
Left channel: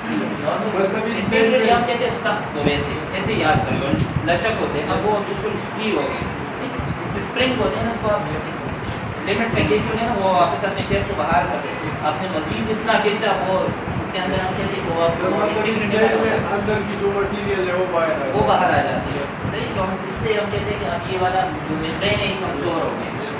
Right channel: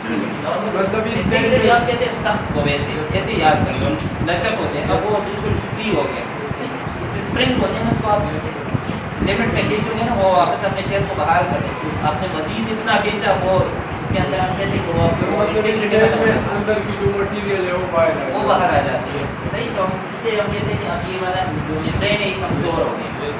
मतलब इस इंटीग्रिटी हम कहते हैं सख्त होने से, जैसे याद करिए लचक होते हैं, अब वो बिल्कुल फ्री हो गए। स्प्रिंग होते हैं उसको आप लिमिट पे खींचोगे ना, वो वापस अपने शेप को बाहर कर देते हैं। आपने मजीद इतना खींचा वो उसके अंदर हम कहते हैं वो आप मतलब इस स्टेज में अंदर की जो मटेरियल है वो बाहर आ जाती है। सही, तो इससे हम कहते हैं कि अब ये वाला जो मेम्ब्रेन है कमज़ोर हो गया।